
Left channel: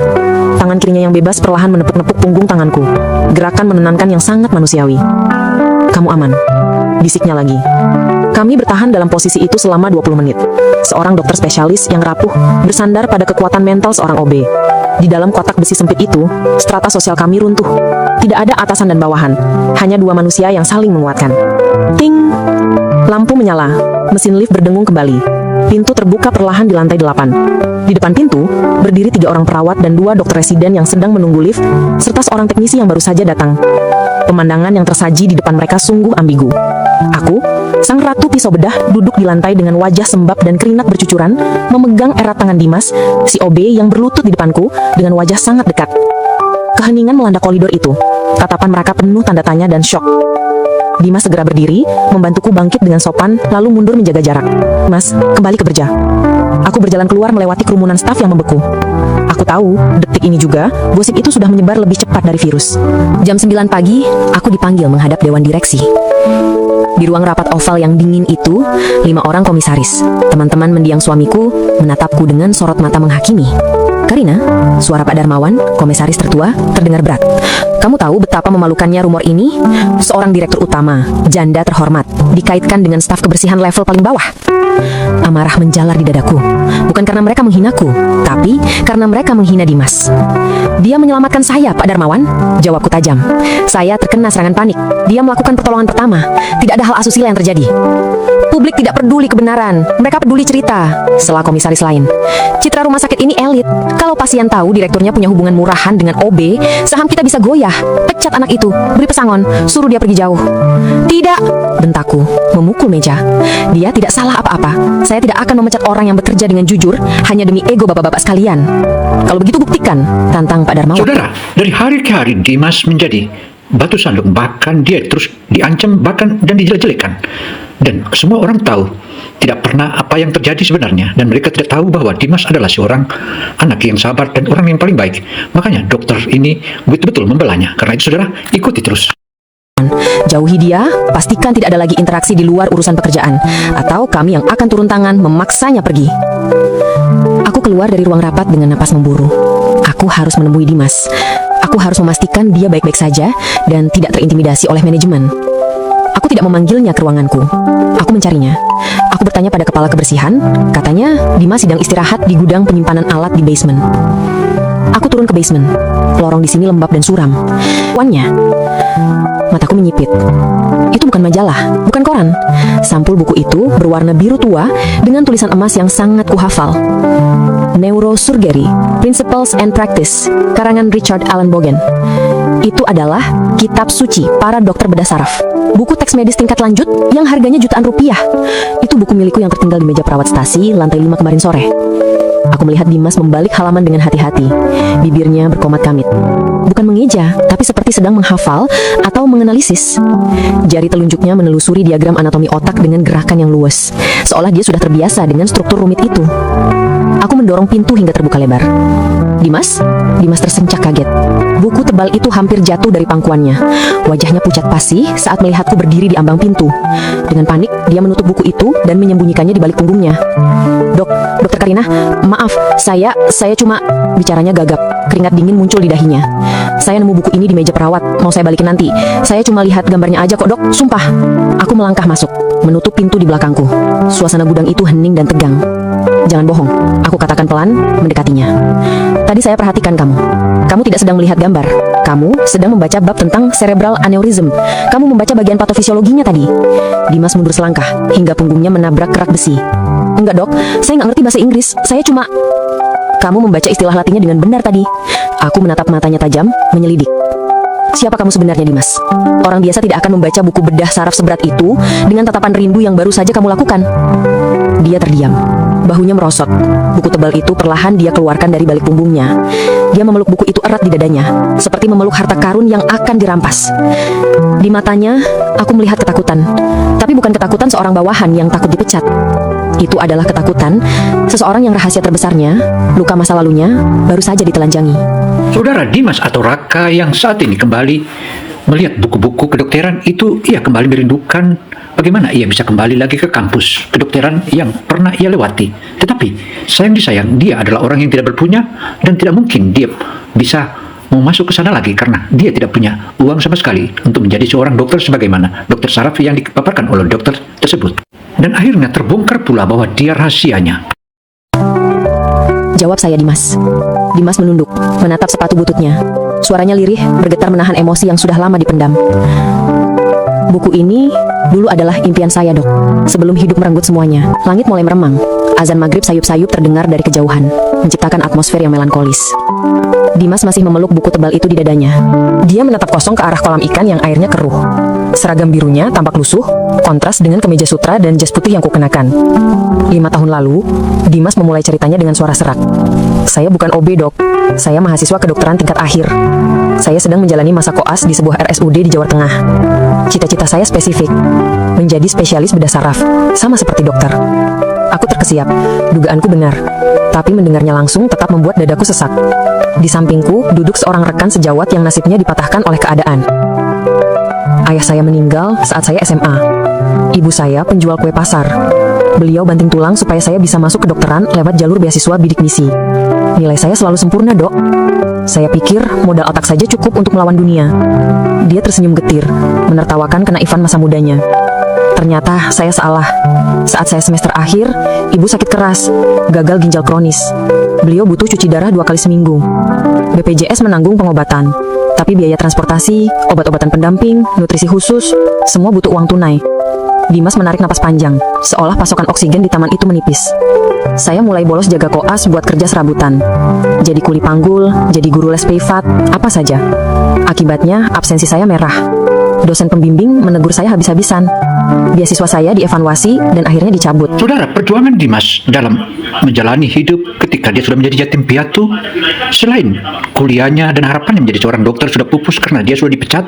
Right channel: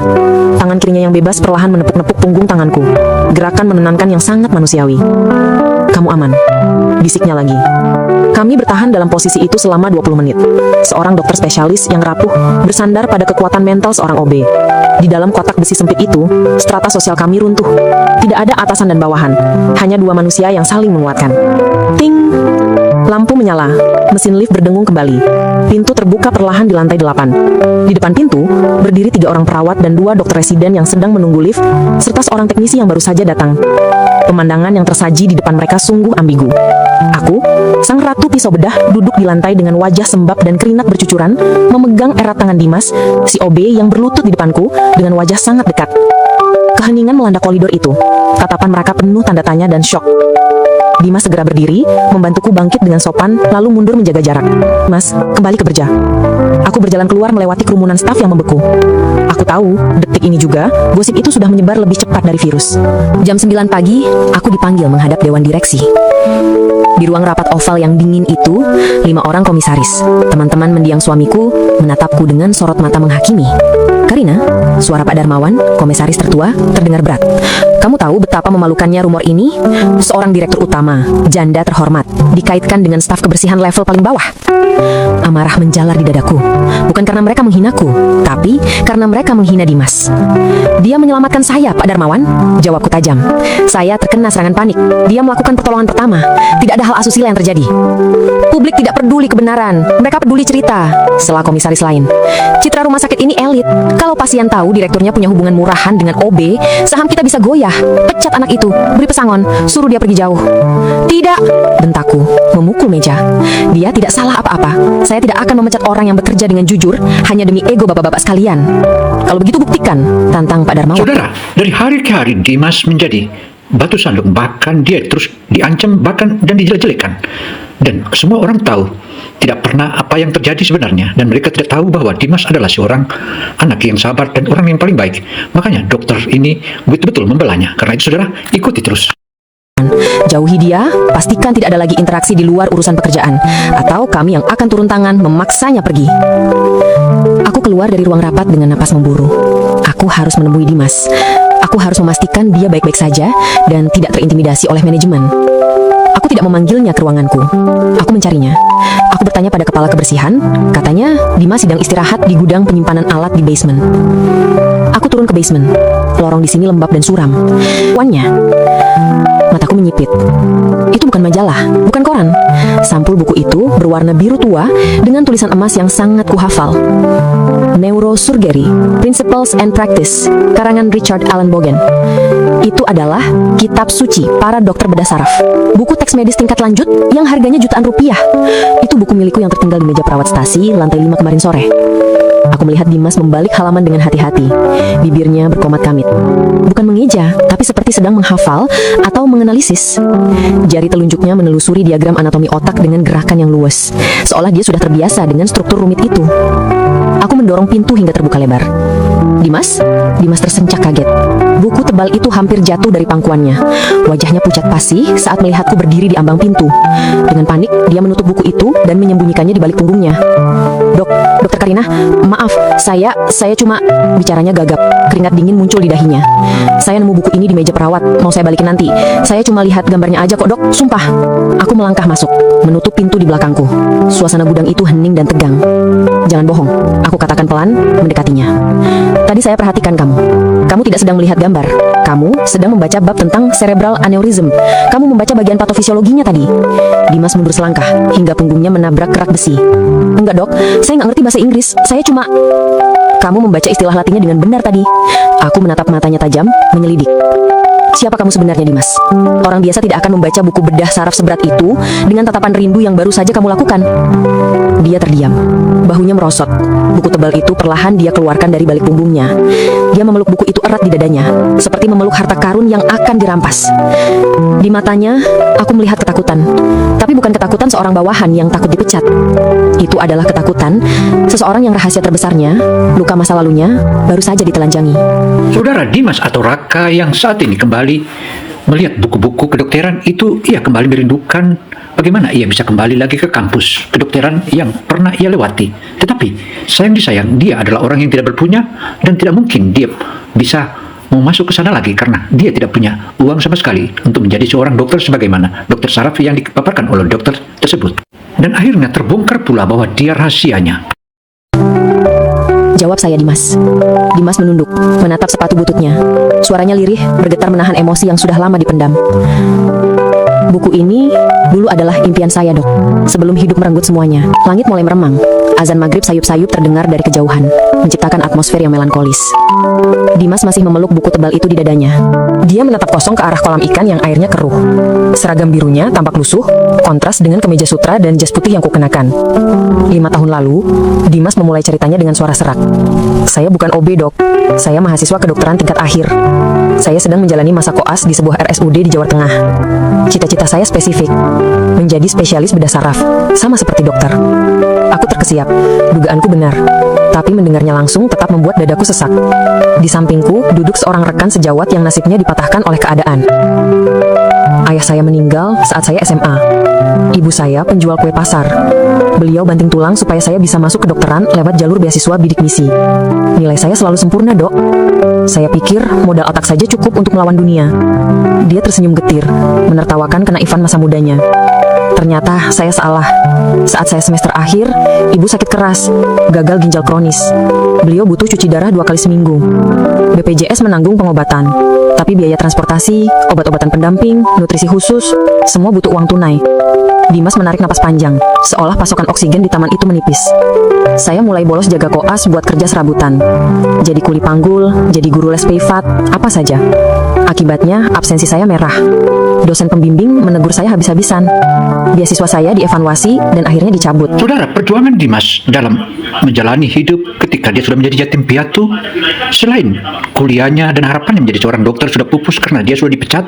Tangan kirinya yang bebas perlahan menepuk-nepuk punggung tanganku. Gerakan menenangkan yang sangat manusiawi. Kamu aman, bisiknya lagi. Kami bertahan dalam posisi itu selama 20 menit. Seorang dokter spesialis yang rapuh bersandar pada kekuatan mental seorang OB. Di dalam kotak besi sempit itu, strata sosial kami runtuh. Tidak ada atasan dan bawahan, hanya dua manusia yang saling menguatkan. Lampu menyala, mesin lift berdengung kembali. Pintu terbuka perlahan di lantai 8. Di depan pintu, berdiri 3 orang perawat dan 2 dokter residen yang sedang menunggu lift, serta seorang teknisi yang baru saja datang. Pemandangan yang tersaji di depan mereka sungguh ambigu. Aku, sang ratu pisau bedah, duduk di lantai dengan wajah sembab dan keringat bercucuran, memegang erat tangan Dimas, si OB yang berlutut di depanku, dengan wajah sangat dekat. Keheningan melanda koridor itu. Tatapan mereka penuh tanda tanya dan syok. Dimas segera berdiri, membantuku bangkit dengan sopan, lalu mundur menjaga jarak. Mas, kembali ke kerja. Aku berjalan keluar melewati kerumunan staf yang membeku. Aku tahu, detik ini juga, gosip itu sudah menyebar lebih cepat dari virus. Jam 9 pagi, aku dipanggil menghadap dewan direksi. Di ruang rapat oval yang dingin itu, 5 orang komisaris, teman-teman mendiang suamiku, menatapku dengan sorot mata menghakimi. Karina, suara Pak Darmawan, komisaris tertua, terdengar berat. Kamu tahu betapa memalukannya rumor ini? Seorang direktur utama, janda terhormat, dikaitkan dengan staf kebersihan level paling bawah. Amarah menjalar di dadaku. Bukan karena mereka menghinaku, tapi karena mereka menghina Dimas. Dia menyelamatkan saya, Pak Darmawan. Jawabku tajam. Saya terkena serangan panik. Dia melakukan pertolongan pertama. Tidak ada hal asusila yang terjadi. Publik tidak peduli kebenaran. Mereka peduli cerita. Setelah komisaris lain. Citra rumah sakit ini elit. Kalau pasien tahu direkturnya punya hubungan murahan dengan OB, saham kita bisa goyah. Pecat anak itu, beri pesangon, suruh dia pergi jauh. Tidak, bentakku, memukul meja. Dia tidak salah apa-apa. Saya tidak akan memecat orang yang bekerja dengan jujur hanya demi ego bapak-bapak sekalian. Kalau begitu buktikan, tantang Pak Darmawan. Saudara, dari hari ke hari Dimas menjadi batu sandung, bahkan dia terus diancam bahkan dan dijelek-jelekan. Dan semua orang tahu tidak pernah apa yang terjadi sebenarnya, dan mereka tidak tahu bahwa Dimas adalah seorang anak yang sabar dan orang yang paling baik. Makanya dokter ini betul-betul membelanya. Karena itu saudara, ikuti terus. Jauhi dia, pastikan tidak ada lagi interaksi di luar urusan pekerjaan, atau kami yang akan turun tangan memaksanya pergi. Aku keluar dari ruang rapat dengan napas memburu. Aku harus menemui Dimas. Aku harus memastikan dia baik-baik saja dan tidak terintimidasi oleh manajemen. Aku tidak memanggilnya ke ruanganku. Aku mencarinya. Aku bertanya pada kepala kebersihan. Katanya Dimas sedang istirahat di gudang penyimpanan alat di basement. Aku turun ke basement. Lorong di sini lembab dan suram. Wannya. Mataku menyipit. Itu bukan majalah, bukan koran. Sampul buku itu berwarna biru tua dengan tulisan emas yang sangat kuhafal. Neurosurgery, Principles and Practice, karangan Richard Allen Bogan. Itu adalah kitab suci para dokter bedah saraf. Buku teks medis tingkat lanjut yang harganya jutaan rupiah. Itu buku milikku yang tertinggal di meja perawat stasi lantai 5 kemarin sore. Aku melihat Dimas membalik halaman dengan hati-hati. Bibirnya berkomat kamit. Bukan mengeja, tapi seperti sedang menghafal atau menganalisis. Jari telunjuknya menelusuri diagram anatomi otak dengan gerakan yang luas, seolah dia sudah terbiasa dengan struktur rumit itu. Aku mendorong pintu hingga terbuka lebar. Dimas? Dimas tersencak kaget. Buku tebal itu hampir jatuh dari pangkuannya. Wajahnya pucat pasi saat melihatku berdiri di ambang pintu. Dengan panik, dia menutup buku itu dan menyembunyikannya di balik punggungnya. Dokter Karina, maaf, saya cuma... Bicaranya gagap, keringat dingin muncul di dahinya. Saya nemu buku ini di meja perawat, mau saya balikin nanti. Saya cuma lihat gambarnya aja kok, Dok. Sumpah. Aku melangkah masuk, menutup pintu di belakangku. Suasana gudang itu hening dan tegang. Jangan bohong, aku katakan pelan, mendekatinya. Tadi saya perhatikan kamu. Kamu tidak sedang melihat gambar. Kamu sedang membaca bab tentang cerebral aneurysm. Kamu membaca bagian patofisiologinya tadi. Dimas mundur selangkah, hingga punggungnya menabrak kerak besi. Enggak, Dok, saya nggak ngerti bahasa Inggris. Saya cuma... Kamu membaca istilah latinnya dengan benar tadi. Aku menatap matanya tajam, menyelidik. Siapa kamu sebenarnya, Dimas? Orang biasa tidak akan membaca buku bedah saraf seberat itu dengan tatapan rindu yang baru saja kamu lakukan. Dia terdiam, bahunya merosot. Buku tebal itu perlahan dia keluarkan dari balik punggungnya. Dia memeluk buku itu erat di dadanya, seperti memeluk harta karun yang akan dirampas. Di matanya, aku melihat ketakutan. Tapi bukan ketakutan seorang bawahan yang takut dipecat. Itu adalah ketakutan seseorang yang rahasia terbesarnya, luka masa lalunya, baru saja ditelanjangi. Saudara Dimas atau Raka yang saat ini kembali melihat buku-buku kedokteran itu, ia kembali merindukan bagaimana ia bisa kembali lagi ke kampus kedokteran yang pernah ia lewati. Tetapi sayang disayang, dia adalah orang yang tidak berpunya dan tidak mungkin dia bisa mau masuk ke sana lagi karena dia tidak punya uang sama sekali untuk menjadi seorang dokter sebagaimana dokter saraf yang dipaparkan oleh dokter tersebut. Dan akhirnya terbongkar pula bahwa dia rahasianya. Jawab saya, Dimas. Dimas menunduk, menatap sepatu bututnya. Suaranya lirih, bergetar menahan emosi yang sudah lama dipendam. Buku ini dulu adalah impian saya, Dok. Sebelum hidup merenggut semuanya, langit mulai meremang. Azan maghrib sayup-sayup terdengar dari kejauhan, menciptakan atmosfer yang melankolis. Dimas masih memeluk buku tebal itu di dadanya. Dia menatap kosong ke arah kolam ikan yang airnya keruh. Seragam birunya tampak lusuh, kontras dengan kemeja sutra dan jas putih yang kukenakan. 5 tahun lalu, Dimas memulai ceritanya dengan suara serak. Saya bukan OB, Dok. Saya mahasiswa kedokteran tingkat akhir. Saya sedang menjalani masa koas di sebuah RSUD di Jawa Tengah. Cita-cita saya spesifik, menjadi spesialis bedah saraf, sama seperti dokter. Aku terkesiap, dugaanku benar. Tapi mendengarnya langsung tetap membuat dadaku sesak. Di sampingku duduk seorang rekan sejawat yang nasibnya dipatahkan oleh keadaan. Ayah saya meninggal saat saya SMA. Ibu saya penjual kue pasar. Beliau banting tulang supaya saya bisa masuk kedokteran lewat jalur beasiswa bidik misi. Nilai saya selalu sempurna, Dok. Saya pikir modal otak saja cukup untuk melawan dunia. Dia tersenyum getir, menertawakan kenaifan masa mudanya. Ternyata saya salah. Saat saya semester akhir, ibu sakit keras, gagal ginjal kronis. Beliau butuh cuci darah 2 kali seminggu. BPJS menanggung pengobatan, tapi biaya transportasi, obat-obatan pendamping, nutrisi khusus, semua butuh uang tunai. Dimas menarik napas panjang, seolah pasokan oksigen di taman itu menipis. Saya mulai bolos jaga koas buat kerja serabutan. Jadi kuli panggul, jadi guru les privat, apa saja. Akibatnya, absensi saya merah. Dosen pembimbing menegur saya habis-habisan. Beasiswa saya dievaluasi dan akhirnya dicabut. Saudara, perjuangan Dimas dalam menjalani hidup ketika dia sudah menjadi yatim piatu, selain kuliahnya dan harapannya menjadi seorang dokter sudah pupus karena dia sudah dipecat,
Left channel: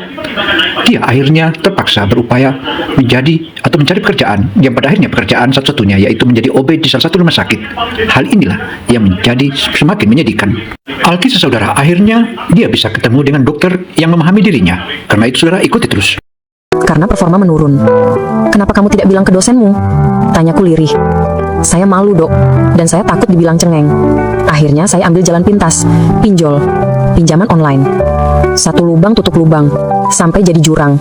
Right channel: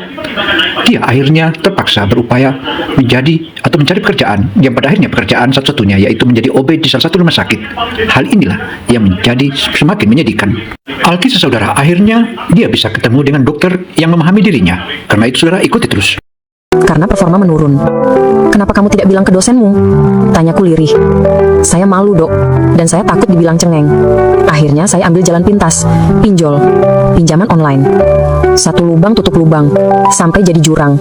dia akhirnya terpaksa berupaya menjadi atau mencari pekerjaan yang pada akhirnya pekerjaan satu-satunya yaitu menjadi OB di salah satu rumah sakit. Hal inilah yang menjadi semakin menyedihkan. Alkisah saudara, akhirnya dia bisa ketemu dengan dokter yang memahami dirinya. Karena itu saudara ikuti terus. Karena performa menurun. Kenapa kamu tidak bilang ke dosenmu? Tanyaku lirih. Saya malu, Dok, dan saya takut dibilang cengeng. Akhirnya saya ambil jalan pintas, pinjol, pinjaman online. Satu lubang tutup lubang, sampai jadi jurang.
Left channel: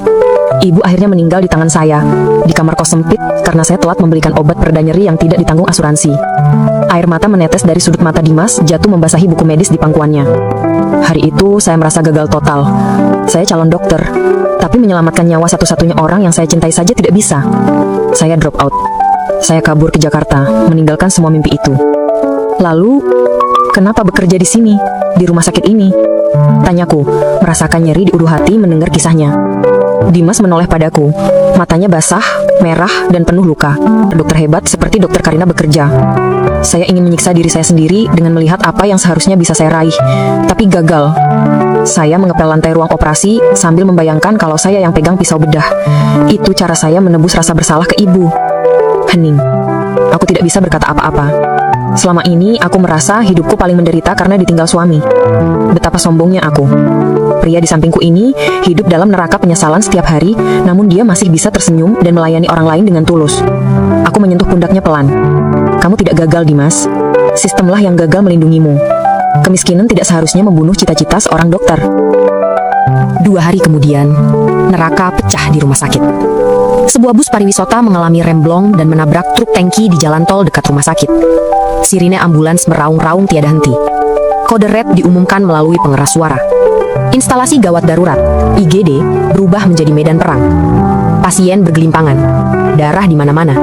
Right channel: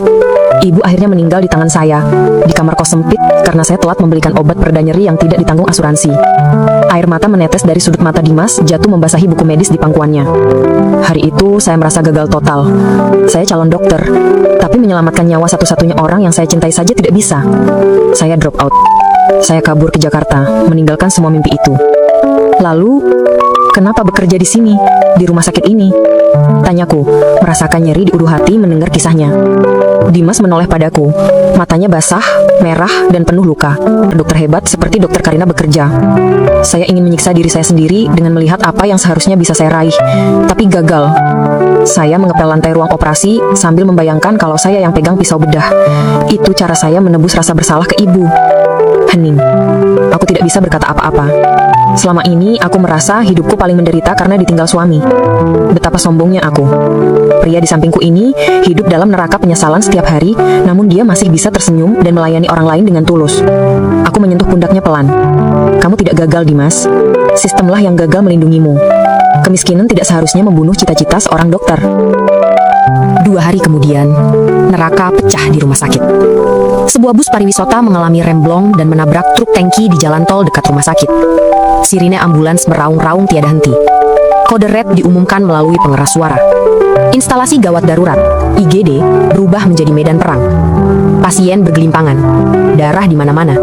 Ibu akhirnya meninggal di tangan saya, di kamar kos sempit karena saya telat membelikan obat pereda nyeri yang tidak ditanggung asuransi. Air mata menetes dari sudut mata Dimas, jatuh membasahi buku medis di pangkuannya. Hari itu saya merasa gagal total. Saya calon dokter, tapi menyelamatkan nyawa satu-satunya orang yang saya cintai saja tidak bisa. Saya drop out. Saya kabur ke Jakarta, meninggalkan semua mimpi itu. Lalu, kenapa bekerja di sini, di rumah sakit ini? Tanyaku, merasakan nyeri di ulu hati mendengar kisahnya. Dimas menoleh padaku. Matanya basah, merah, dan penuh luka. Dokter hebat seperti Dokter Karina bekerja. Saya ingin menyiksa diri saya sendiri dengan melihat apa yang seharusnya bisa saya raih. Tapi gagal. Saya mengepel lantai ruang operasi sambil membayangkan kalau saya yang pegang pisau bedah. Itu cara saya menebus rasa bersalah ke ibu. Hening. Aku tidak bisa berkata apa-apa. Selama ini aku merasa hidupku paling menderita karena ditinggal suami. Betapa sombongnya aku. Pria di sampingku ini hidup dalam neraka penyesalan setiap hari, namun dia masih bisa tersenyum dan melayani orang lain dengan tulus. Aku menyentuh pundaknya pelan. Kamu tidak gagal, Dimas. Sistemlah yang gagal melindungimu. Kemiskinan tidak seharusnya membunuh cita-cita seorang dokter. 2 hari kemudian, neraka pecah di rumah sakit. Sebuah bus pariwisata mengalami remblong dan menabrak truk tangki di jalan tol dekat rumah sakit. Sirine ambulans meraung-raung tiada henti. Kode red diumumkan melalui pengeras suara. Instalasi gawat darurat, IGD, berubah menjadi medan perang. Pasien bergelimpangan, darah di mana-mana.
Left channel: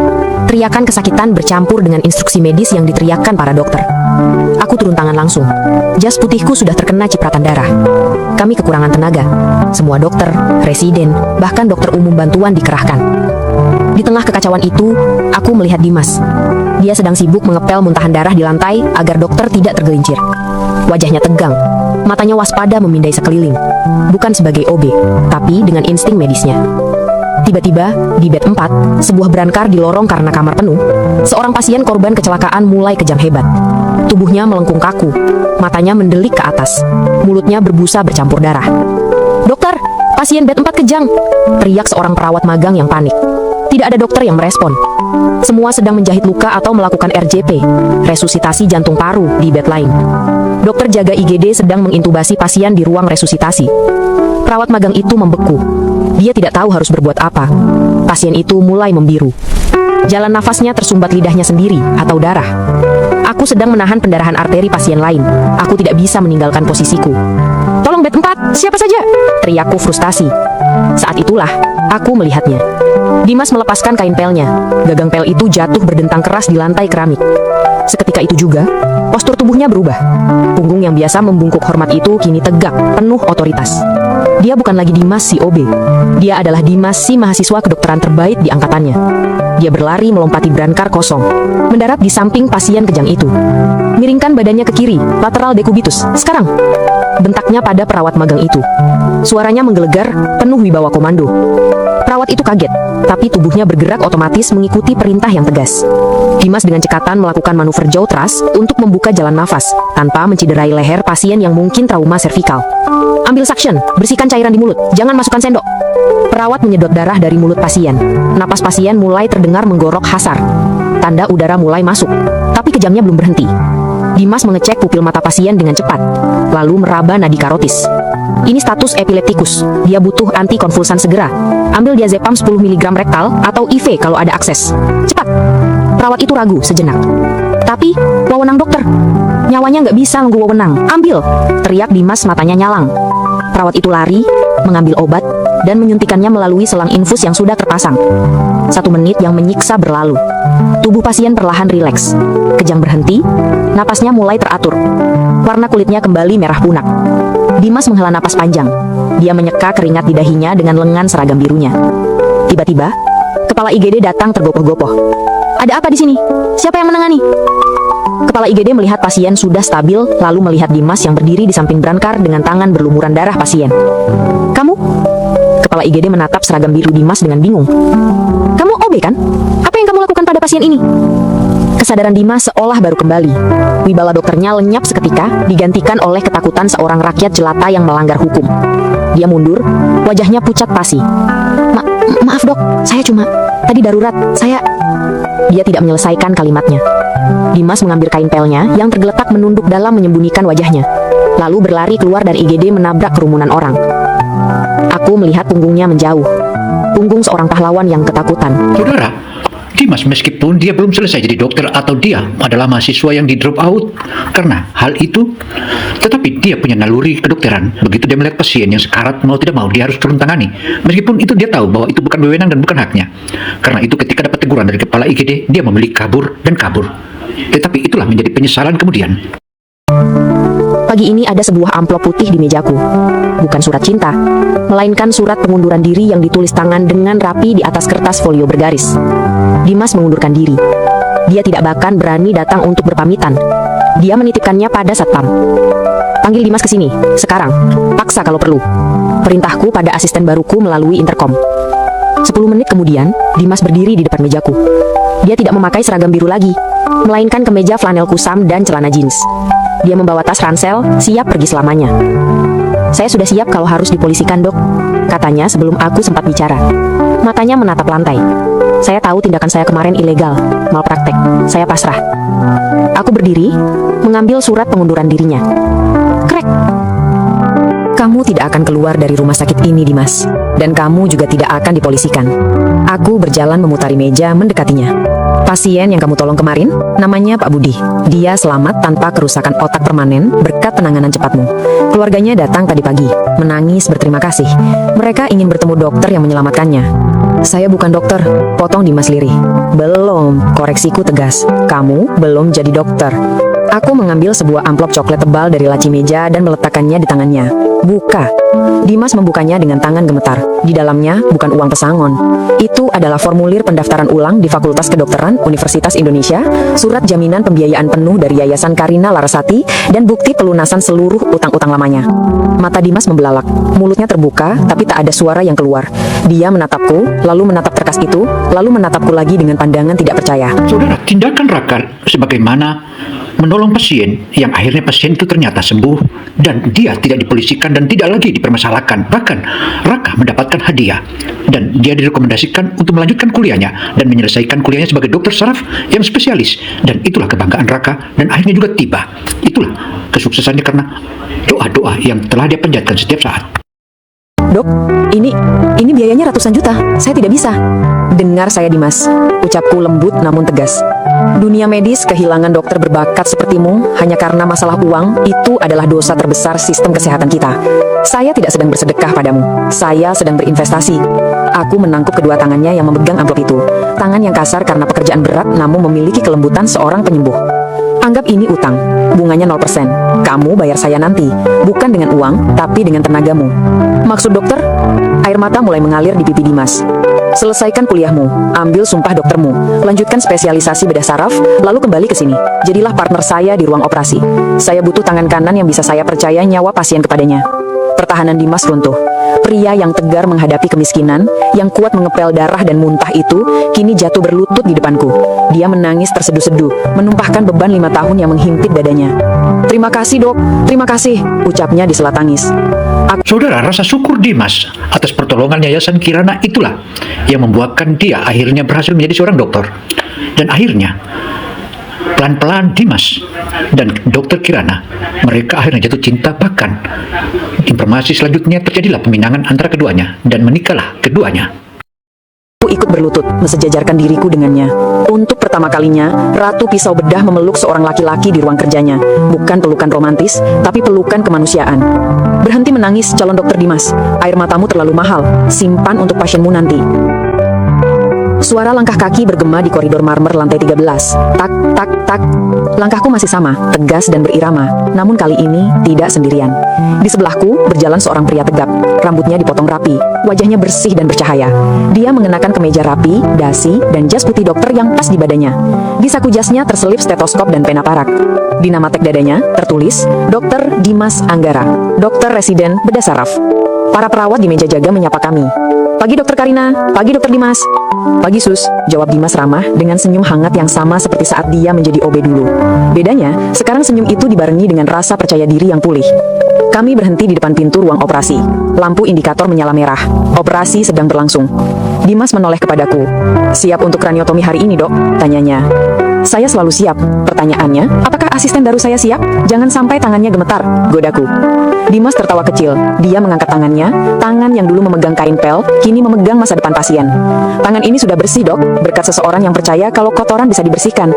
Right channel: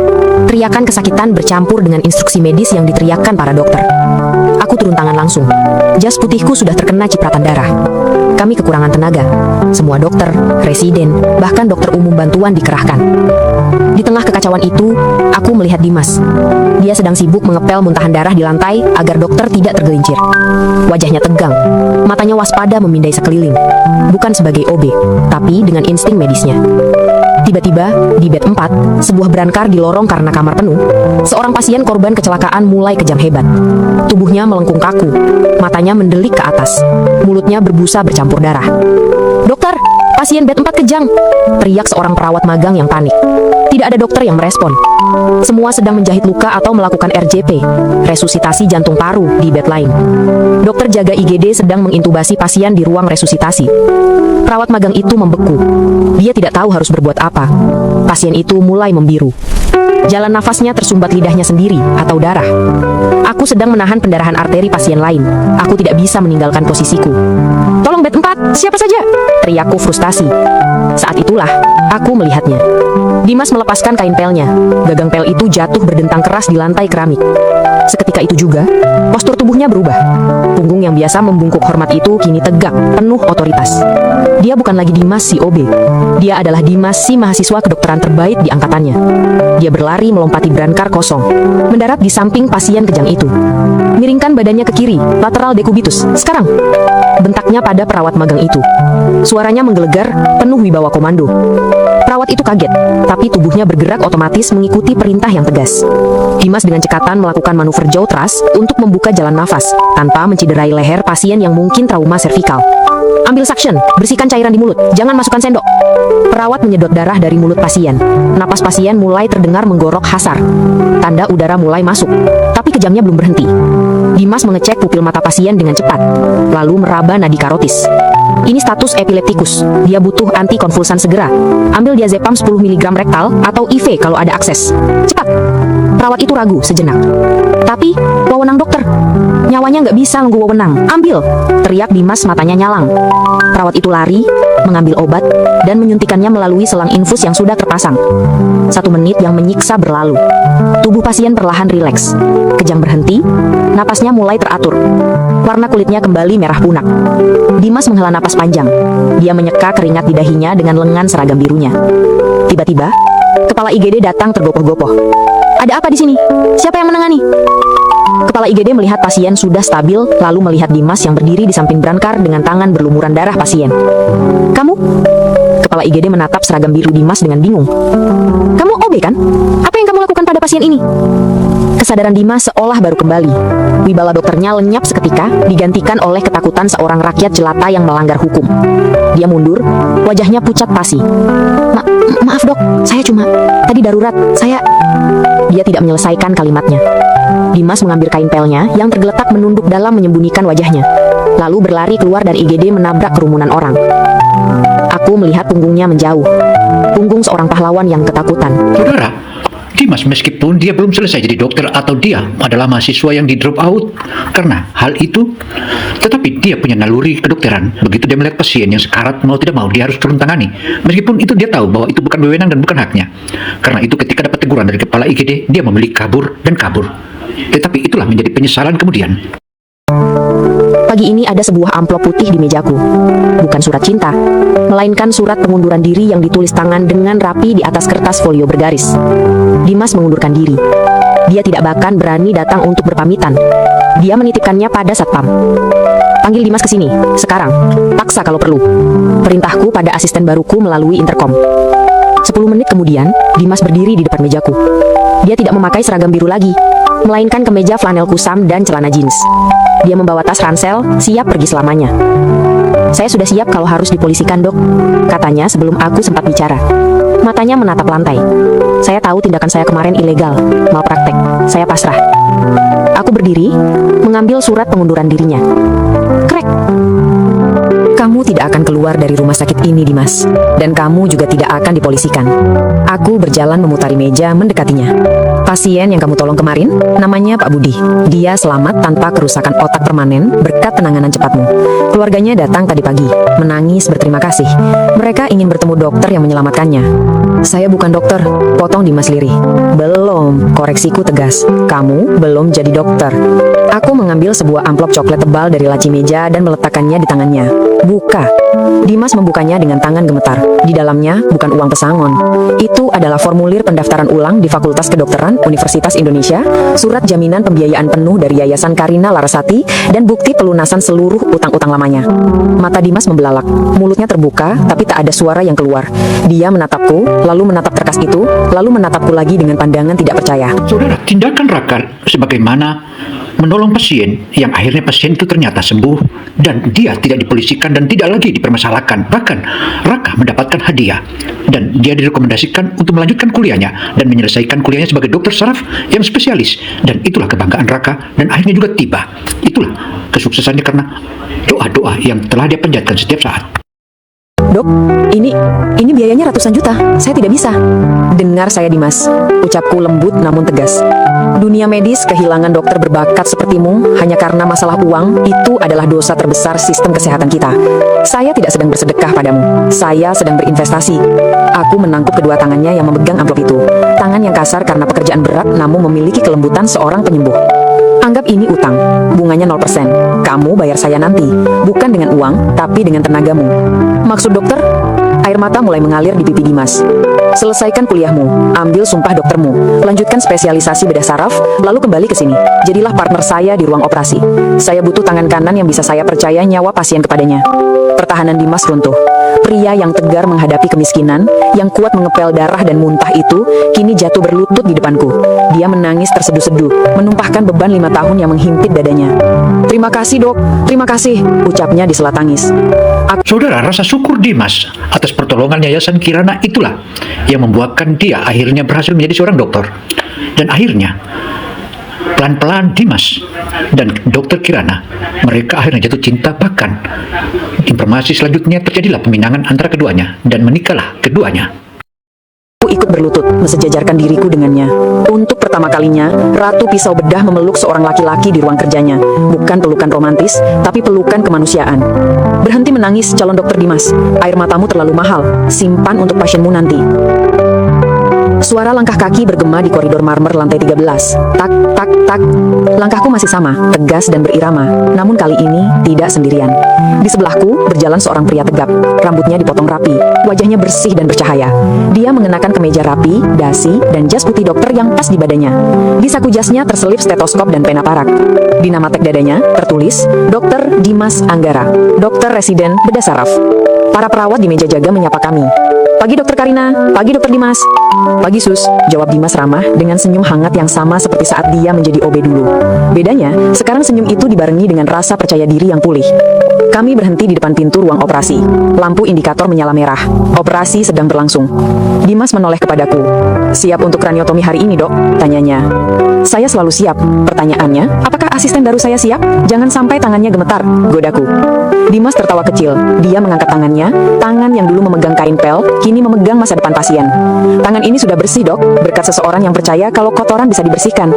Teriakan kesakitan bercampur dengan instruksi medis yang diteriakkan para dokter. Aku turun tangan langsung. Jas putihku sudah terkena cipratan darah. Kami kekurangan tenaga. Semua dokter, residen, bahkan dokter umum bantuan dikerahkan. Di tengah kekacauan itu, aku melihat Dimas. Dia sedang sibuk mengepel muntahan darah di lantai agar dokter tidak tergelincir. Wajahnya tegang, matanya waspada memindai sekeliling. Bukan sebagai OB, tapi dengan insting medisnya. Tiba-tiba, di bed 4, sebuah berankar di lorong karena kamar penuh. Seorang pasien korban kecelakaan mulai kejang hebat. Tubuhnya melengkung kaku, matanya mendelik ke atas. Mulutnya berbusa bercampur darah. Dokter, pasien bed 4 kejang, teriak seorang perawat magang yang panik. Tidak ada dokter yang merespon. Semua sedang menjahit luka atau melakukan RJP, resusitasi jantung paru di bed lain. Dokter jaga IGD sedang mengintubasi pasien di ruang resusitasi. Perawat magang itu membeku. Dia tidak tahu harus berbuat apa. Pasien itu mulai membiru. Jalan nafasnya tersumbat lidahnya sendiri atau darah. Aku sedang menahan pendarahan arteri pasien lain. Aku tidak bisa meninggalkan posisiku. Tolong bed 4, siapa saja? Teriakku frustasi. Saat itulah aku melihatnya. Dimas melepaskan kain pelnya. Gagang pel itu jatuh berdentang keras di lantai keramik. Seketika itu juga, postur tubuhnya berubah. Punggung yang biasa membungkuk hormat itu kini tegak, penuh otoritas. Dia bukan lagi Dimas si OB. Dia adalah Dimas si mahasiswa kedokteran terbaik di angkatannya. Dia berlari melompati brankar kosong, mendarat di samping pasien kejang itu. Miringkan badannya ke kiri, lateral decubitus. Sekarang, bentaknya pada perawat magang itu. Suaranya menggelegar, penuh wibawa komando. Perawat itu kaget, tapi tubuhnya bergerak otomatis mengikuti perintah yang tegas. Dimas dengan cekatan melakukan manuver jaw thrust untuk membuka jalan nafas, tanpa menciderai leher pasien yang mungkin trauma servikal. Ambil suction, bersihkan cairan di mulut, jangan masukkan sendok. Perawat menyedot darah dari mulut pasien. Napas pasien mulai terdengar menggorok hasar. Tanda udara mulai masuk, tapi kejangnya belum berhenti. Dimas mengecek pupil mata pasien dengan cepat, lalu meraba nadi karotis. Ini status epileptikus. Dia butuh antikonvulsan segera. Ambil diazepam 10 mg rektal atau IV kalau ada akses. Cepat. Perawat itu ragu sejenak. Tapi, wewenang dokter. Nyawanya nggak bisa nunggu wewenang. Ambil. Teriak Dimas matanya nyalang. Perawat itu lari, mengambil obat, dan menyuntikannya melalui selang infus yang sudah terpasang. 1 menit yang menyiksa berlalu. Tubuh pasien perlahan rileks. Kejang berhenti, napasnya mulai teratur. Warna kulitnya kembali merah punak. Dimas menghela napas panjang. Dia menyeka keringat di dahinya dengan lengan seragam birunya. Tiba-tiba, kepala IGD datang tergopoh-gopoh. Ada apa di sini? Siapa yang menangani? Kepala IGD melihat pasien sudah stabil, lalu melihat Dimas yang berdiri di samping brankar dengan tangan berlumuran darah pasien. Kamu? Kepala IGD menatap seragam biru Dimas dengan bingung. Kamu OB kan? Apa yang kamu lakukan pada pasien ini? Kesadaran Dimas seolah baru kembali. Wibawa dokternya lenyap seketika, digantikan oleh ketakutan seorang rakyat jelata yang melanggar hukum. Dia mundur, wajahnya pucat pasi. Maaf dok, saya cuma... Tadi darurat, saya... Dia tidak menyelesaikan kalimatnya. Dimas mengambil kain pelnya yang tergeletak menunduk dalam menyembunyikan wajahnya. Lalu berlari keluar dari IGD menabrak kerumunan orang. Aku melihat punggungnya menjauh. Punggung seorang pahlawan yang ketakutan. Saudara, Dimas meskipun dia belum selesai jadi dokter atau dia adalah mahasiswa yang di drop out karena hal itu, tetapi dia punya naluri kedokteran. Begitu dia melihat pasien yang sekarat, mau tidak mau dia harus turun tangani. Meskipun itu dia tahu bahwa itu bukan wewenang dan bukan haknya. Karena itu ketika dapat teguran dari kepala IGD, dia memilih kabur dan kabur. Tetapi itulah menjadi penyesalan kemudian. Pagi ini ada sebuah amplop putih di mejaku. Bukan surat cinta, melainkan surat pengunduran diri yang ditulis tangan dengan rapi di atas kertas folio bergaris. Dimas mengundurkan diri. Dia tidak bahkan berani datang untuk berpamitan. Dia menitipkannya pada satpam. Panggil Dimas ke sini, sekarang. Paksa kalau perlu. Perintahku pada asisten baruku melalui interkom. 10 menit kemudian, Dimas berdiri di depan mejaku. Dia tidak memakai seragam biru lagi, melainkan kemeja flanel kusam dan celana jeans. Dia membawa tas ransel, siap pergi selamanya. Saya sudah siap kalau harus dipolisikan, dok, katanya sebelum aku sempat bicara. Matanya menatap lantai. Saya tahu tindakan saya kemarin ilegal, mau praktek. Saya pasrah. Aku berdiri, mengambil surat pengunduran dirinya. Klik. Kamu tidak akan keluar dari rumah sakit ini, Dimas. Dan kamu juga tidak akan dipolisikan. Aku berjalan memutari meja mendekatinya. Pasien yang kamu tolong kemarin, namanya Pak Budi. Dia selamat tanpa kerusakan otak permanen berkat penanganan cepatmu. Keluarganya datang tadi pagi, menangis berterima kasih. Mereka ingin bertemu dokter yang menyelamatkannya. Saya bukan dokter, potong Dimas lirih. Belum, koreksiku tegas. Kamu belum jadi dokter. Aku mengambil sebuah amplop coklat tebal dari laci meja dan meletakkannya di tangannya. Buka. Dimas membukanya dengan tangan gemetar. Di dalamnya bukan uang pesangon. Itu adalah formulir pendaftaran ulang di Fakultas Kedokteran Universitas Indonesia, surat jaminan pembiayaan penuh dari Yayasan Karina Larasati, dan bukti pelunasan seluruh utang-utang lamanya. Mata Dimas membelalak. Mulutnya terbuka, tapi tak ada suara yang keluar. Dia menatapku, lalu menatap kertas itu, lalu menatapku lagi dengan pandangan tidak percaya. Saudara, tindakan Raka sebagaimana menolong pasien yang akhirnya pasien itu ternyata sembuh dan dia tidak dipolisikan dan tidak lagi dipermasalahkan. Bahkan Raka mendapatkan hadiah dan dia direkomendasikan untuk melanjutkan kuliahnya dan menyelesaikan kuliahnya sebagai dokter saraf yang spesialis, dan itulah kebanggaan Raka dan akhirnya juga tiba. Itulah kesuksesannya karena doa-doa yang telah dia panjatkan setiap saat. Dok, ini biayanya ratusan juta. Saya tidak bisa. Dengar saya, Dimas. Ucapku lembut namun tegas. Dunia medis kehilangan dokter berbakat sepertimu hanya karena masalah uang. Itu adalah dosa terbesar sistem kesehatan kita. Saya tidak sedang bersedekah padamu. Saya sedang berinvestasi. Aku menangkap kedua tangannya yang memegang amplop itu. Tangan yang kasar karena pekerjaan berat namun memiliki kelembutan seorang penyembuh. Anggap ini utang, bunganya 0%. Kamu bayar saya nanti, bukan dengan uang, tapi dengan tenagamu. Maksud dokter? Air mata mulai mengalir di pipi Dimas. Selesaikan kuliahmu, ambil sumpah doktermu, lanjutkan spesialisasi bedah saraf, lalu kembali ke sini. Jadilah partner saya di ruang operasi. Saya butuh tangan kanan yang bisa saya percaya nyawa pasien kepadanya. Pertahanan Dimas runtuh. Pria yang tegar menghadapi kemiskinan, yang kuat mengepel darah dan muntah itu, kini jatuh berlutut di depanku. Dia menangis terseduh-seduh, menumpahkan beban 5 tahun yang menghimpit dadanya. Terima kasih, dok. Terima kasih, ucapnya di sela tangis. Saudara, rasa syukur Dimas atas pertolongan Yayasan Kirana itulah yang membuatkan dia akhirnya berhasil menjadi seorang dokter. Dan akhirnya pelan-pelan Dimas dan dokter Kirana, mereka akhirnya jatuh cinta. Bahkan informasi selanjutnya terjadilah peminangan antara keduanya dan menikahlah keduanya. Ikut berlutut, mensejajarkan diriku dengannya. Untuk pertama kalinya, Ratu Pisau Bedah memeluk seorang laki-laki di ruang kerjanya. Bukan pelukan romantis, tapi pelukan kemanusiaan. Berhenti menangis, calon dokter Dimas. Air matamu terlalu mahal. Simpan untuk pasienmu nanti. Suara langkah kaki bergema di koridor marmer lantai 13. Tak, tak, tak. Langkahku masih sama, tegas dan berirama. Namun kali ini tidak sendirian. Di sebelahku berjalan seorang pria tegap. Rambutnya dipotong rapi, wajahnya bersih dan bercahaya. Dia mengenakan kemeja rapi, dasi, dan jas putih dokter yang pas di badannya. Di saku jasnya terselip stetoskop dan pena parak. Di nama tag dadanya tertulis Dr. Dimas Anggara, dokter residen bedah saraf. Para perawat di meja jaga menyapa kami. Pagi dokter Karina, pagi dokter Dimas. Pagi sus, jawab Dimas ramah dengan senyum hangat yang sama seperti saat dia menjadi OB dulu. Bedanya, sekarang senyum itu dibarengi dengan rasa percaya diri yang pulih. Kami berhenti di depan pintu ruang operasi. Lampu indikator menyala merah. Operasi sedang berlangsung. Dimas menoleh kepadaku. Siap untuk kraniotomi hari ini, dok? Tanyanya. Saya selalu siap. Pertanyaannya, apakah asisten baru saya siap? Jangan sampai tangannya gemetar, godaku. Dimas tertawa kecil. Dia mengangkat tangannya, tangan yang dulu memegang kain pel, kini memegang masa depan pasien. Tangan ini sudah bersih, dok, berkat seseorang yang percaya kalau kotoran bisa dibersihkan.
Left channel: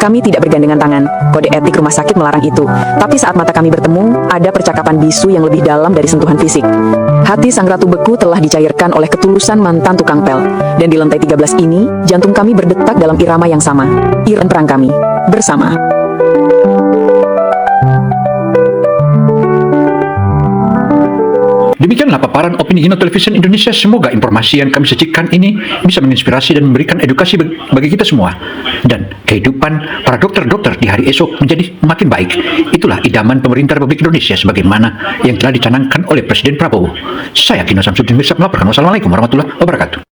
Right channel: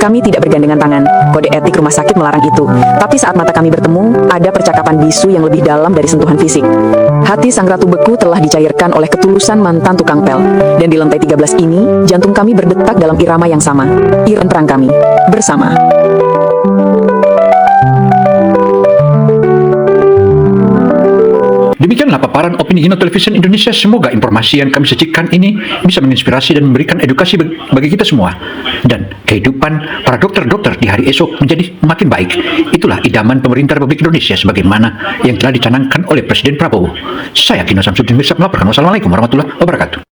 Kami tidak bergandengan tangan. Kode etik rumah sakit melarang itu. Tapi saat mata kami bertemu, ada percakapan bisu yang lebih dalam dari sentuhan fisik. Hati sang ratu beku telah dicairkan oleh ketulusan mantan tukang pel. Dan di lantai 13 ini, jantung kami berdetak dalam irama yang sama. Irama perang kami bersama. Demikianlah paparan opini Gino Television Indonesia. Semoga informasi yang kami sajikan ini bisa menginspirasi dan memberikan edukasi bagi kita semua. Dan kehidupan para dokter-dokter di hari esok menjadi makin baik. Itulah idaman pemerintah Republik Indonesia sebagaimana yang telah dicanangkan oleh Presiden Prabowo. Saya Gino Samsudin Mirsad melaporkan. Wassalamualaikum warahmatullahi wabarakatuh.